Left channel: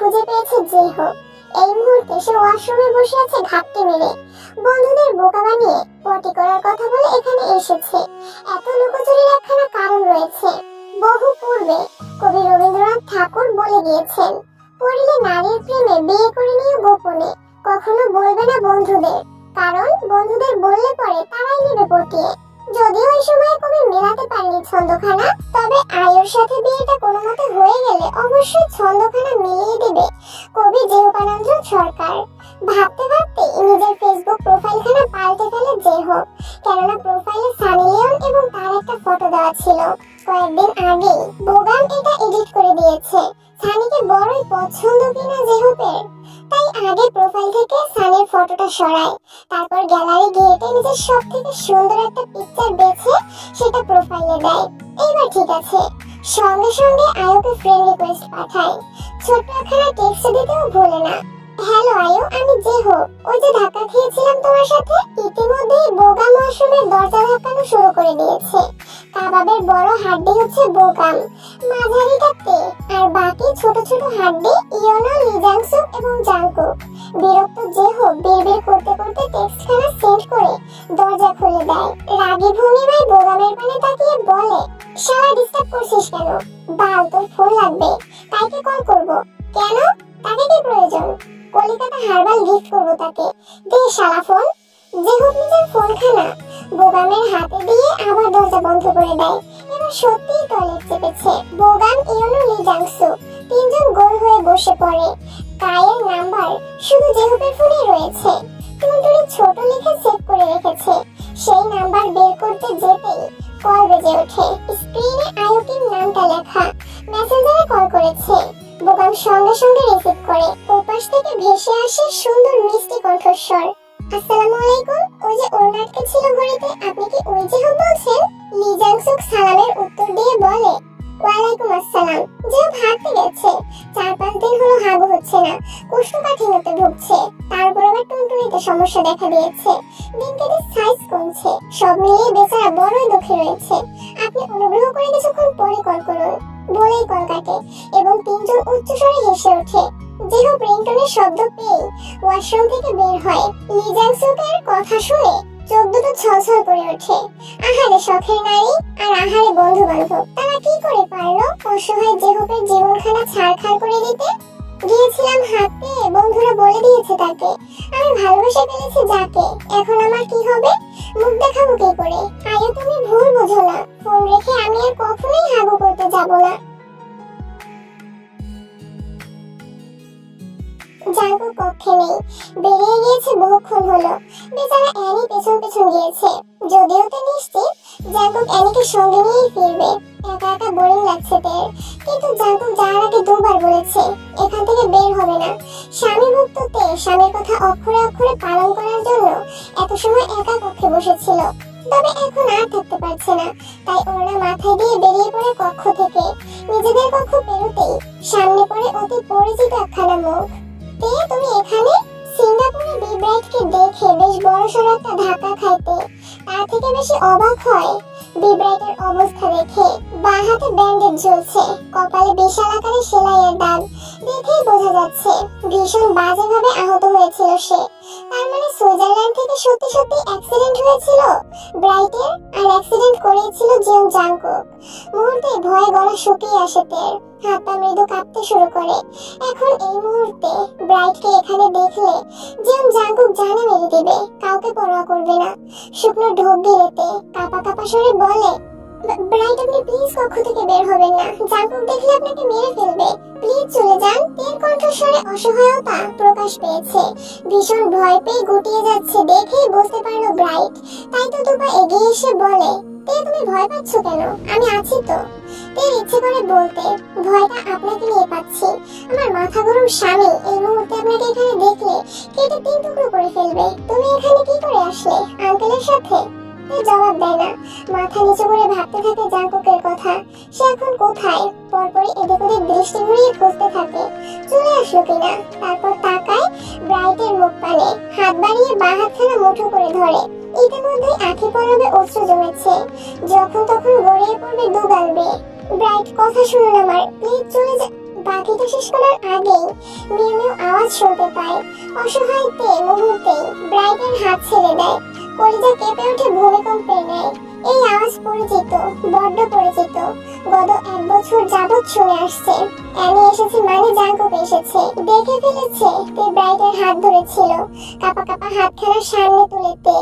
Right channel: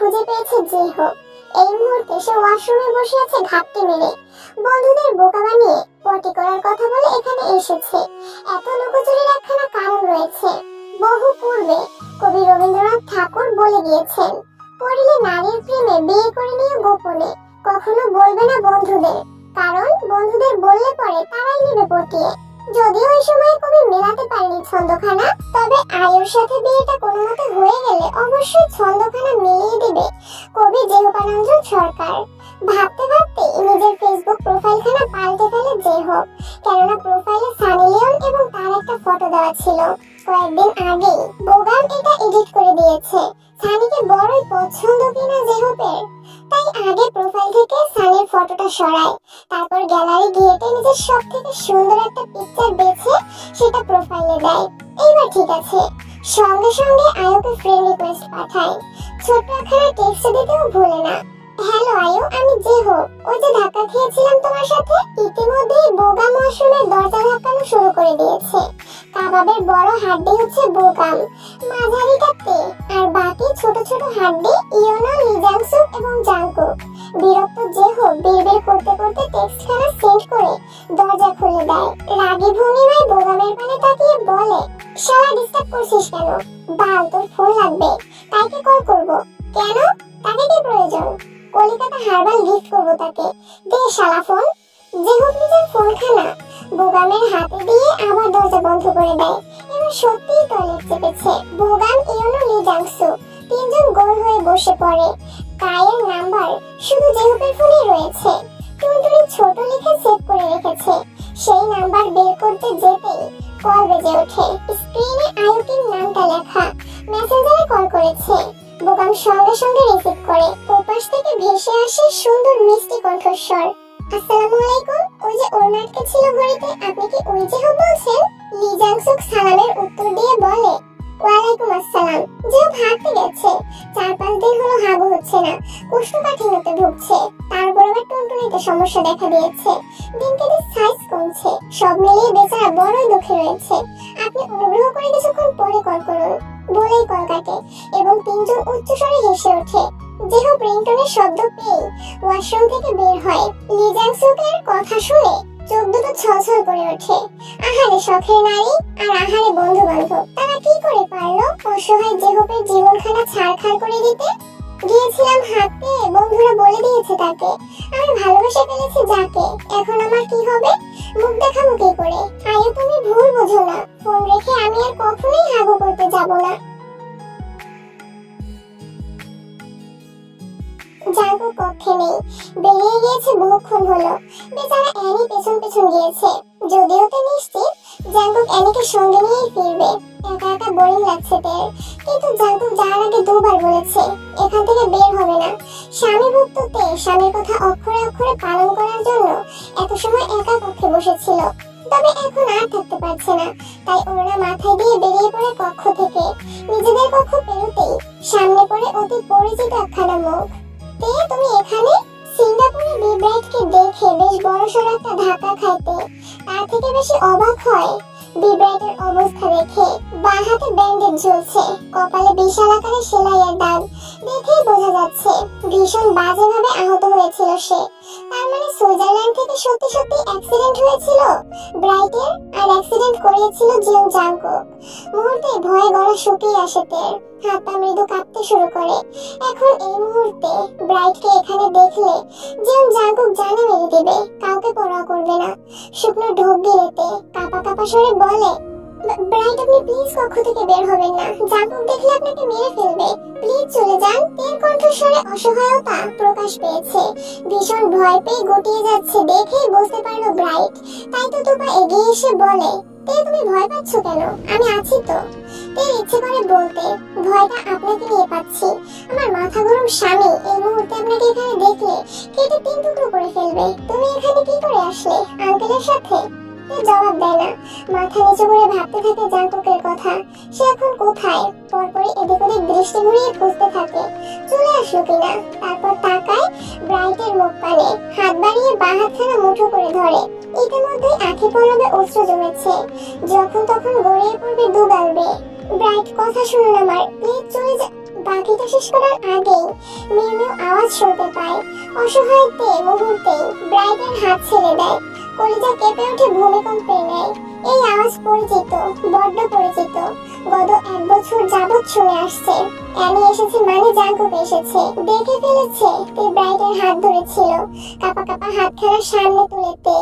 খুঁজে পেয়েছে যে হোক। এই মুহূর্তে সে ওয়াশরুমে বসে আছে ঘাপটি মেরে। বন্ধুদের বোকা বানিয়ে পটি করার কথা বলে এখানে এসেছে। এত লুকোচুরির একখানা কারণ রয়েছে। বহু পূর্বে কবি রবীন্দ্রনাথ ঠাকুর বলে গিয়েছেন, পড়িলে নারীর প্রেমে বিয়ে করে নিয়ে গোপনে কখনো বলবে না বন্ধুদের, কারণ বন্ধুদের বললে পরে তারাই নেবে পটিয়ে। যদিও এই সময় কবি মেলাতে পারেনি ছন্দখানা, তবে আয়ুর সাথে বিয়েটা কোনো মতে হয়ে গেলে অবশ্যই ছন্দখানা মিলিয়ে দেবে কবি জেহপানন্দ্র সরকার। ভাবতে ভাবতে নিজের ফেসবুক প্রোফাইলখানা পাল্টে ফেলে যে হোক, কেননা প্রোফাইলে সানি লিওন এবং তার একটা ফটো দেওয়া ছিল। কয়েকদিন আগেই বোগাম এটা এডিট করে দিয়েছে। সানিকে বড়ই পছন্দ কিনা জেহপের, তাই আগে প্রোফাইল থেকে সানির ফটোটা সরায়, তারপর গ্যালারি ঘেটে নিজের সব থেকে সুন্দর একটা পিকচার বেছে সেটা প্রোফাইলে দেয়। এইবার ঠিক আছে, সঙ্গে সঙ্গে আয়ুকে ফ্রেন্ড রিকোয়েস্ট পাঠায়। ছোট্ট একখানা টেক্সট দিতেও ভুলে না, হ্যালো আয়ু, আমি যে হোক, ওই যে ধাক্কা খেয়েছিলাম তোমার সাথে। ইতিমধ্যেই বোগাম ওয়াশরুমের দরজা ধাক্কানো শুরু করে দিয়েছে। কাবাবের বড় হাড্ডি হচ্ছে বোগাম, মাঝারিটা তে, আর বাকি ছোট ছোট হাড্ডি ইয়োনো, লিজাংসুক এবং জাংকুক। বিরক্ত যে হোক বিড়বিড় করতে করতে টেক্সটখানা সেন্ড করে দরজা খুলে দেয়। রাগী ভঙ্গিমায় বোগামের পানে তাকিয়ে বলে, শালা ডিস্টার্ব করছিস কেন? বাল, তোর ফোন লাগবে, তাইকে কল করব। কেন? তাকে কি প্রয়োজন? কলিকাতা হারবাল গিফট করবো তাকে, দে শালা ফোন। যে হোক নিজের ফোনখানা বোগামের হাতে দিয়ে আবার দরজা বন্ধ করে দেয়। এবার সত্যিই টয়লেট চেপেছে। বোগাম, ইয়োনো, লিজাংসু তিনজন গোল হয়ে বসে পড়ে। কায়ের নাম্বার শুধু জেহপের ফোনেই রয়েছে। টুনটুনি ছোট লিখে সেভ করে রেখেছে। সেই নাম্বার বের করতে যেতেই কল বেজে ওঠে। স্ক্রিনে আয়ুকির নামটা লেখা। মেসেঞ্জারে কল করেছে। বোগাম সঙ্গে সঙ্গে রিসিভ করে। ওপাশ থেকে ভেসে আসে সুন্দর মিষ্টি কণ্ঠস্বর, আসসালামু আলাইকুম, ওই যে ওর নাটকে ছিল ঘড়িতে, আপনি কি ওই যে হোক বলছেন? লিজাংসুক সালামের উত্তর দিয়ে বলে, ওয়ালাইকুম আসসালাম। যে হাঁটতে গেছে, 4-5 দিন হলো হাগু হচ্ছে না, কোষ্ঠকাঠিন্যতে ভুগছে, তারপর আবার টুনটুনিতে সমস্যা দেখা দিয়েছে, দিনকে দিন সাইজ কমছে, সব মিলিয়ে বেচারা বড়ই দুঃখে রয়েছে। আপনি অনুগ্রহ করে কিছুক্ষণ পরে কল করুন, বলেই কল কাটে এবং তিনজন উচ্চস্বরে হেসে ওঠে। যেহ রিংটনের শব্দ পেয়ে ওয়াশরুম থেকে বের হয়। লিজাংসুকের কথা শুনে চোখ দুটো ছলছল করে ওঠে। আহারে শখের নারী আর আহারে বন্ধু বান্ধব, তারা কি করে পারলো অসহায় জেহপের জীবনখানা ছাড়খাড় করে দিতে? গিয়েছিলাম হাঁটতে, বন্ধুরা বলে দিয়েছে তাকে, আমি ভালোবেসে ফেলেছি যাকে, এখন আমার কি হবে? মুখ দেখাবো কি করে? আয়ু, তুমি ভুল বুঝো না, ফোন রেখে আমি আর কখনোই হাগু করতে যাব না। জাঙ্কুক কক্ষে নেই, বেরিয়ে গিয়েছে বহুক্ষণ হলো। বেচারা অ্যানি পেছন পেছন গিয়েছে, যদিও তো নিশ্চিত জাঙ্কুক অ্যানিকে সঙ্গে নিয়েই ফিরবে। একা একা বোরিং লাগছে তার, কিন্তু জাঙ্কুক যাওয়ার আগে দুবার বলেছে এখান থেকে বের হবে না। স্বামী ভুক্ত তে স্বামীর কথা অক্ষরে অক্ষরে পালন করার জন্য এত সময় একা কক্ষে বসেছিল, তবে এখন আর থাকতে পারছে না, তাই ওড়না মাথায় দিয়ে বেরিয়ে পড়ে কক্ষ থেকে। নিজেদের কক্ষ পেরোতেই সামনে পড়ে অতি পরিচিত একখানা মুখ। তে, তুমি এখানে? সিঙ্গাপুরে বিব্রাইটকে দেখে বেশ বড়সড় একটা ধাক্কা খাইতে তার থেকে বেশি অবাক হয় বিব্রাইটের অবস্থা দেখে। বাঁ হাতে ব্যান্ডেজ ঝুলছে, কপালে বিশাল আকারে সেলাইয়ের দাগ, দেখেই বোঝা যাচ্ছে ভীষণ বাজেভাবে আহত হয়েছিল সে। তার মানে সুইজারল্যান্ড থেকে সত্যি সত্যি অ্যাক্সিডেন্ট হয়েছিল ব্রাইটের, আর অ্যাক্সিডেন্ট করিয়েছিল জিয়ং জাংকুক। মুহূর্তে ভয়ে গলা শুকিয়ে আসে তের, হাত পা মৃদু কাঁপতে শুরু করে। এখন এই মুহূর্তে ব্রাইটকে এখানে দেখলে জিয়ং জাংকুক জানে মেরে দিবে, কাউকে পরোয়া করবে না। শুকনো ঢোক গিলেতে কাঁপা কাঁপা স্বরে বলে, ব্রাইট, আপনি প্লিজ কক্ষ থেকে বের হবেন না। জাঙ্কুক দেখলে আপনাকে মেরে ফেলবে। প্লিজ চলে যান। তের কণ্ঠস্বরে অসহায়তা প্রকাশ পেয়েছে। ভীষণ ভয় পেয়ে গুটিয়ে যাচ্ছে দেখেই বুঝতে পারলো ব্রাইট। তাই তো দুপা এগিয়ে এসে বলে, তে তুমি ভয় পাচ্ছ কেন? আমি আছি তো। তের ইচ্ছে করে বলতে, ভয়টা আপনাকে নিয়ে পাচ্ছি। আমার মাথা গরম স্বামী এই মুহূর্তে আপনাকে এখানে দেখলে কেটে 3 টুকরো করে ফেলবে। তুমি এখানে কি করে আসলে? আঙ্কেলের সাথে? জবাব দেয় না, মাথা নিচু করে ভাবতে থাকে জাঙ্কুকের কথা। সে এখন কোথায়? পরপরই এদিক ওদিক দৃষ্টি ঘুরিয়ে খুঁজতে থাকে চলে আসলো কিনা। তারপর তাকায় ব্রাইটের মুখ পানে, হাত বাড়িয়ে বাঁ হাতখানা মুঠো করে ধরে। ইতিমধ্যেই আঁখি পলবে অশ্রু জমেছে, যখন তখন গড়িয়ে পড়বে দুগাল বেয়ে। ব্রাইট, কথা শুনুন আমার, প্লিজ চলে যা। বাকিটা শেষ করার আগেই মিউ মিউ আওয়াজ শুনতে পায়। অসহায় তে মুহূর্তেই ব্রাইটের হাত ছেড়ে দেয়। কলিজা কেঁপে ওঠে ভূমিকম্পের ন্যায়। এই আওয়াজ পরিচিত, বড্ড পরিচিত। গত 1 বছর যাবৎ শুনে আসছে। অ্যানি এসেছে মানে জাঙ্কুক এসেছে। দেখে ফেলেছে তে ব্রাইটের হাত ধরেছিল। কাপা কাপা হাতখানা সামনে তুলে তে,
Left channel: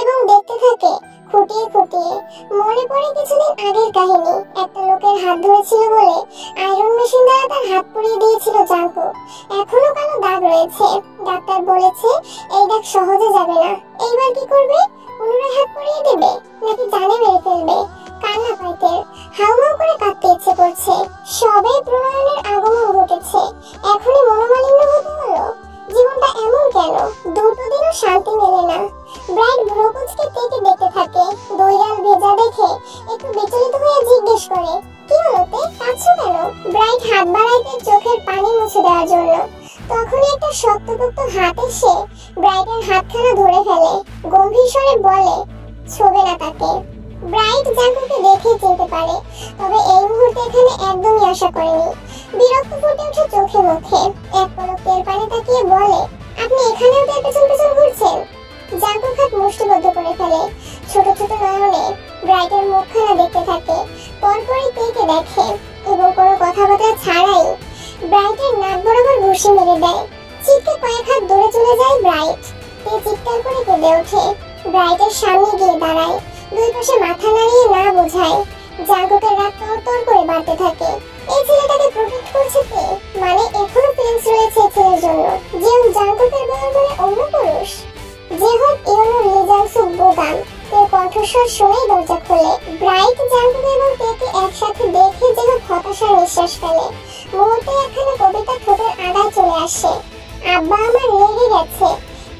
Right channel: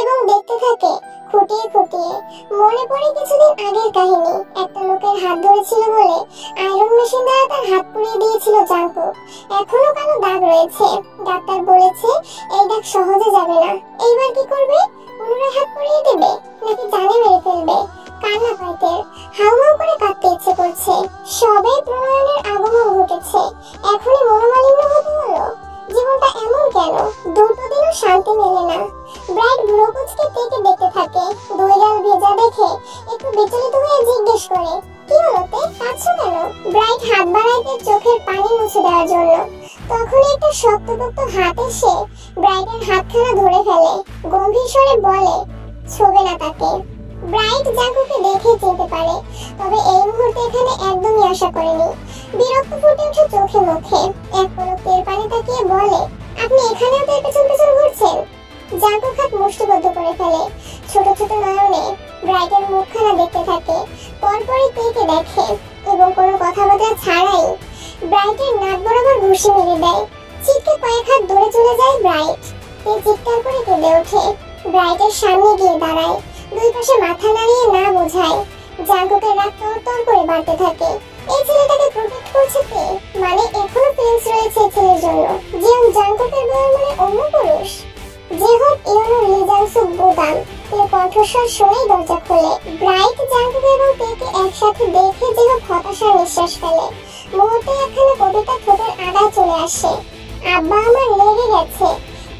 এবং দেখতে থাকে খুঁটিয়ে খুঁটিয়ে। মনে পড়ে কিছুদিন আগের কাহিনী। একটা লোকের হাত ধরেছিল বলে আয়রন মেশিন দ্বারা তার হাত পুড়িয়ে দিয়েছিল জাঙ্কুক। এখনো কালো দাগ রয়েছে। ডাক্তার বলেছে এই দাগ সহজে যাবে না। এইবার কি করবে? পুনরায় হাত পুড়িয়ে দেবে নাকি জানে মেরে ফেলবে? কান্না পাইতে হাউমাউ করে কাঁদতে ইচ্ছে করছে। সবে প্রণয়নের আগমন ঘটেছে, এখনই মনোমালিন্য হতে হলো। জীবনটা এমন কেন? দুটো দিনও শান্তি মেলে না। ব্রাইট ভ্রুকুচকে তেকে দেখতে থাকে। 2 গাল ভেজা দেখে একটু বিচলিত হয়ে জিজ্ঞেস করে, কি হলো তে? কাঁদছো কেন? ব্রাইট হাত বাড়াইতে চোখের পানি মুছে দেওয়ার জন্য। তখনই একটা শক্তপোক্ত হাত এসে ব্রাইটের হাতখানা ধরে ফেলে। গম্ভীর স্বরে বলে, ছোবে না তাকে। ব্রাইট জাঙ্কুকে দেখে চিনতে পারে, তবে এই মুহূর্তে এখানে একদমই আশা করেনি। বিরক্ত ফুটে ওঠে চোখে মুখে। এক পলক তের পানে তাকিয়ে বলে, আপনি এখানেও তের পেছন পেছন ঘুরছেন? জাঙ্কুক হাত মুষ্টিবদ্ধ করে ফেলে। ছোট ছোট নয়নে ব্রাইটের মুখখানা দেখতে থাকে। পরপরই তেকে দেখে এবং কোনো কথাবার্তা ছাড়াই ব্রাইটের নাক বরাবর ঘুষি মেরে দেয়। চিৎকে কয়েক হাত দূরে চলে যায় ব্রাইট। তে চিৎকার করে কেঁদে ওঠে। ব্রাইটের সামনে গিয়ে দাঁড়ায়, 2 পাশে মাথা নাড়িয়ে না বোঝায়। জাঙ্কুকের রাগ তরতর করে বাড়তে থাকে। এই ছেলেটাকে প্রোটেক্ট করছে তে, মানে এখনো ফিলিংস রয়েছে এই ছেলের জন্য। যে জাঙ্কুকের বউয়ের মানে অন্য পুরুষ। যে হোক ইয়োনো লি জাংসুক বোগাম। তের কণ্ঠস্বর শুনেই দরজা খোলে। ব্রাইট জাঙ্কুক এবং তেকে একসাথে দেখে যে হোক হতাশার নিঃশ্বাস ফেলে। মুহূর্তে একখানা কবিতা ঠোঁটের আগায় চলে আসে। আব্বা আমার লেগে গেছে,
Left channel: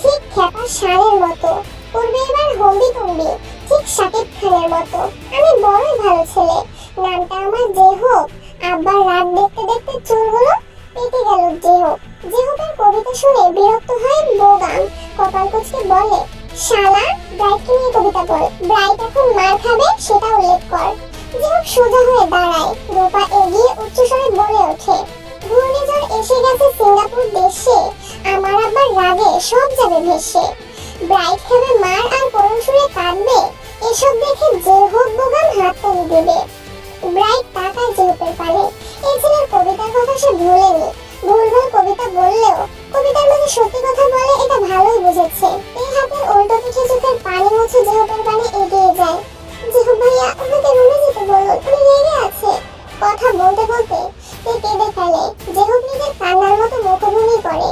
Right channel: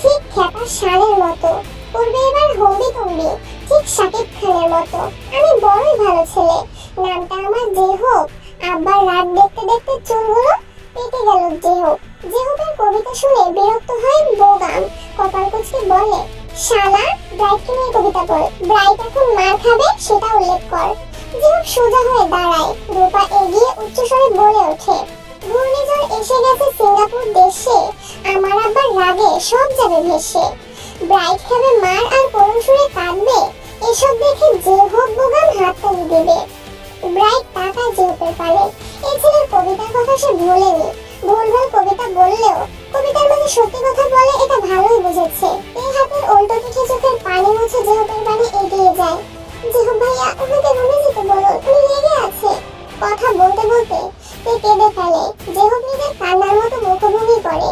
ঠিক খেপার ষাঁড়ের মতো। করবে এবার হম্বি তম্বি, ঠিক শাকিব খানের মতো। আমি বড়ই ভালো ছেলে। নামটা আমার যে হোক। আব্বার রাত দেখতে দেখতে চুলগুলো পেকে গেল যে হোক। যে হোকের কবিতা শুনে বিরক্ত হয় বোগাম। কপাল কুঁচকে বলে, শালা, ব্রাইটকে নিয়ে কবিতা বল। ব্রাইট এখন মার খাবে সেটা উল্লেখ কর। যে হোক সোজা হয়ে দাঁড়ায়। রূপা এগিয়ে উচ্চস্বরে বলে ওঠে, ঘূর্ণিঝড় এসে গেছে সিঙ্গাপুর দেশে। আমার আব্বার রাগে সব যাবে ভেসে। ব্রাইট খাবে মার আর করুণ সুরে কাঁদবে। এসব দেখে যে হোক বোগাম হাত তালি দেবে। ব্রাইট তাকায় যে হোকের পানে। এই ছেলের কবিতার কথা সে ভুলেনি। ভুলভাল কবিতা বললেও কবিতার মাঝে সত্যি কথা বলে এটা ভালোই বুঝেছে। এই হাতের উল্টো পিঠে চোখের পানি মুছে যে হোকের পানে এগিয়ে যায়। যে হোক ভাইয়া, ওনাকে রুমে যেতে বলুন, উনি রেগে আছে। কথা বলতে বলতে তে কেঁদে ফেলে। যে হোক নিজের কান্নার মতো মুখভঙ্গি করে,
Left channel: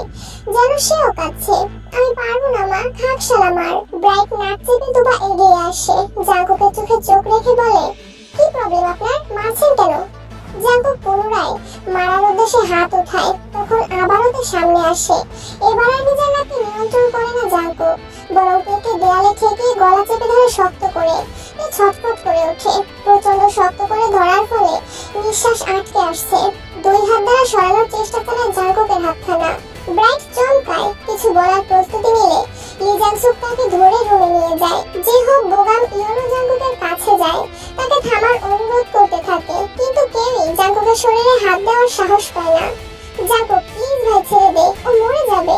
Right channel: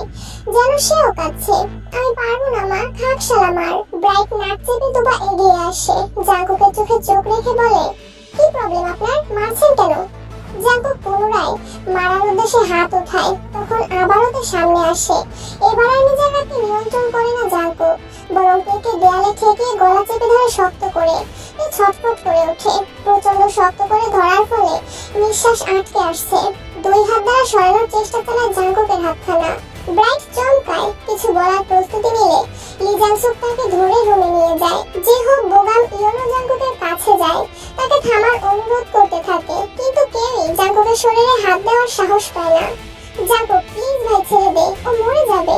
যেন সেও কাঁদছে। আমি পারবো না মা, থাক শালা মার। ব্রাইট নাক চেপে দুপা এগিয়ে আসে। জাঙ্কুকের চোখে চোখ রেখে বলে, কি প্রবলেম আপনার? মারছেন কেন? জাঙ্কুক পুনরায় মারার উদ্দেশ্যে হাত উঠায়। তখন আবারও তে সামনে আসে। এবার আর নিজের রাগকে নিয়ন্ত্রণ করে না জাঙ্কুক, বরং তেকে দেয়ালে ঠেকে গলা চেপে ধরে শক্ত করে। এ ছটফট করে ওঠে। প্রচন্ড শক্ত করে ধরার ফলে নিঃশ্বাস আটকে আসছে। 2 হাত দ্বারা সরানোর চেষ্টা চালায় জাঙ্কুকের হাতখানা। ব্রাইট চমকায়। কিছু বলার প্রস্তুতি নিলে লি জাংসুক তাকে ধরে রুমে নিয়ে যায়। যে হোক বোগাম ইয়োনো জাঙ্কুকের কাছে যায়, তাকে থামার অনুরোধ করতে থাকে, কিন্তু কেউই জাঙ্কুকের শরীরে হাত দেওয়ার সাহস পায় না। জাঙ্কুক, প্লিজ ভাই ছেড়ে দে, ও মরে যাবে।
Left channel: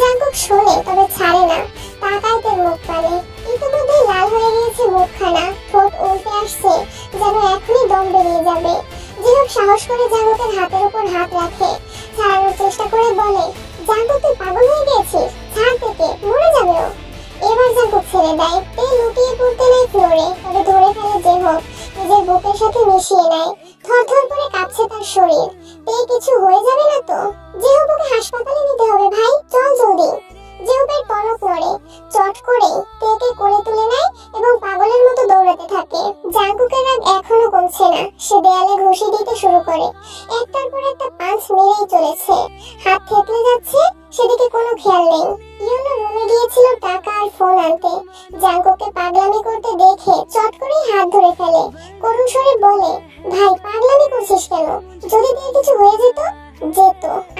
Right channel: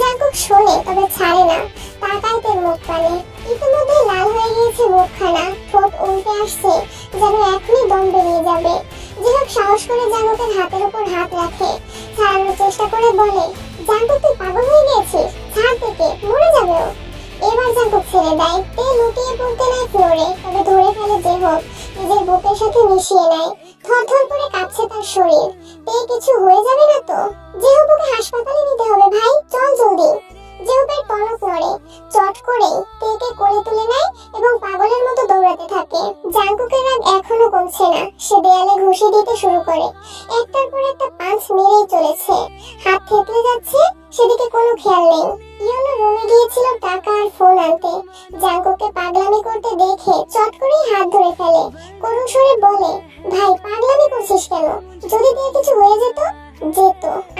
জাঙ্কুক শোনে তবে ছাড়ে না। তাকায় তের মুখ পানে। ইতিমধ্যে লাল হয়ে গিয়েছে মুখখানা। ঠোঁট উল্টে আসছে, যেন এখনই দম বেরিয়ে যাবে। যে হোক সাহস করে জাঙ্কুকের হাতের উপর হাত রাখে। ছাড়ানোর চেষ্টা করে বলে, জাঙ্কুক তুই পাগল হয়ে গেছিস, ছাড় থেকে, মরে যাবে ও। এবার জাঙ্কুক ছেড়ে দেয়। তে লুটিয়ে পড়তে নেয় ফ্লোরে, তবে ধরে ফেলে যে হোক। নিজের বুকের সাথে মিশিয়ে নেয়। থরথর করে কাঁপছে তার শরীর। তে কিছু হয়ে যাবে না তো? জেহবকে হাসপাতালে নিতে হবে ভাই, চল জলদি। জেহবের টনক নড়ে। চট করে তেকে কোলে তুলে নেয় এবং পাগলের মতো দৌড়াতে থাকে। জাঙ্কুকের রাগ এখনো কমছে না। সে দেয়ালে ঘুষি দিতে শুরু করে। একটার পর একটা পাঁচ মেরেই চলেছে। হাত থেতলে যাচ্ছে, সেদিকে কোনো খেয়াল নেই। ইয়োনো রুমে গিয়েছিল টাকা আর ফোন আনতে। জাঙ্কুককে পাগলামি করতে দেখে চট করেই হাত ধরে ফেলে। করুণ স্বরে বলে, ভাই পাগলামি করছিস কেন? যদি তোর কিছু হয়ে যেত?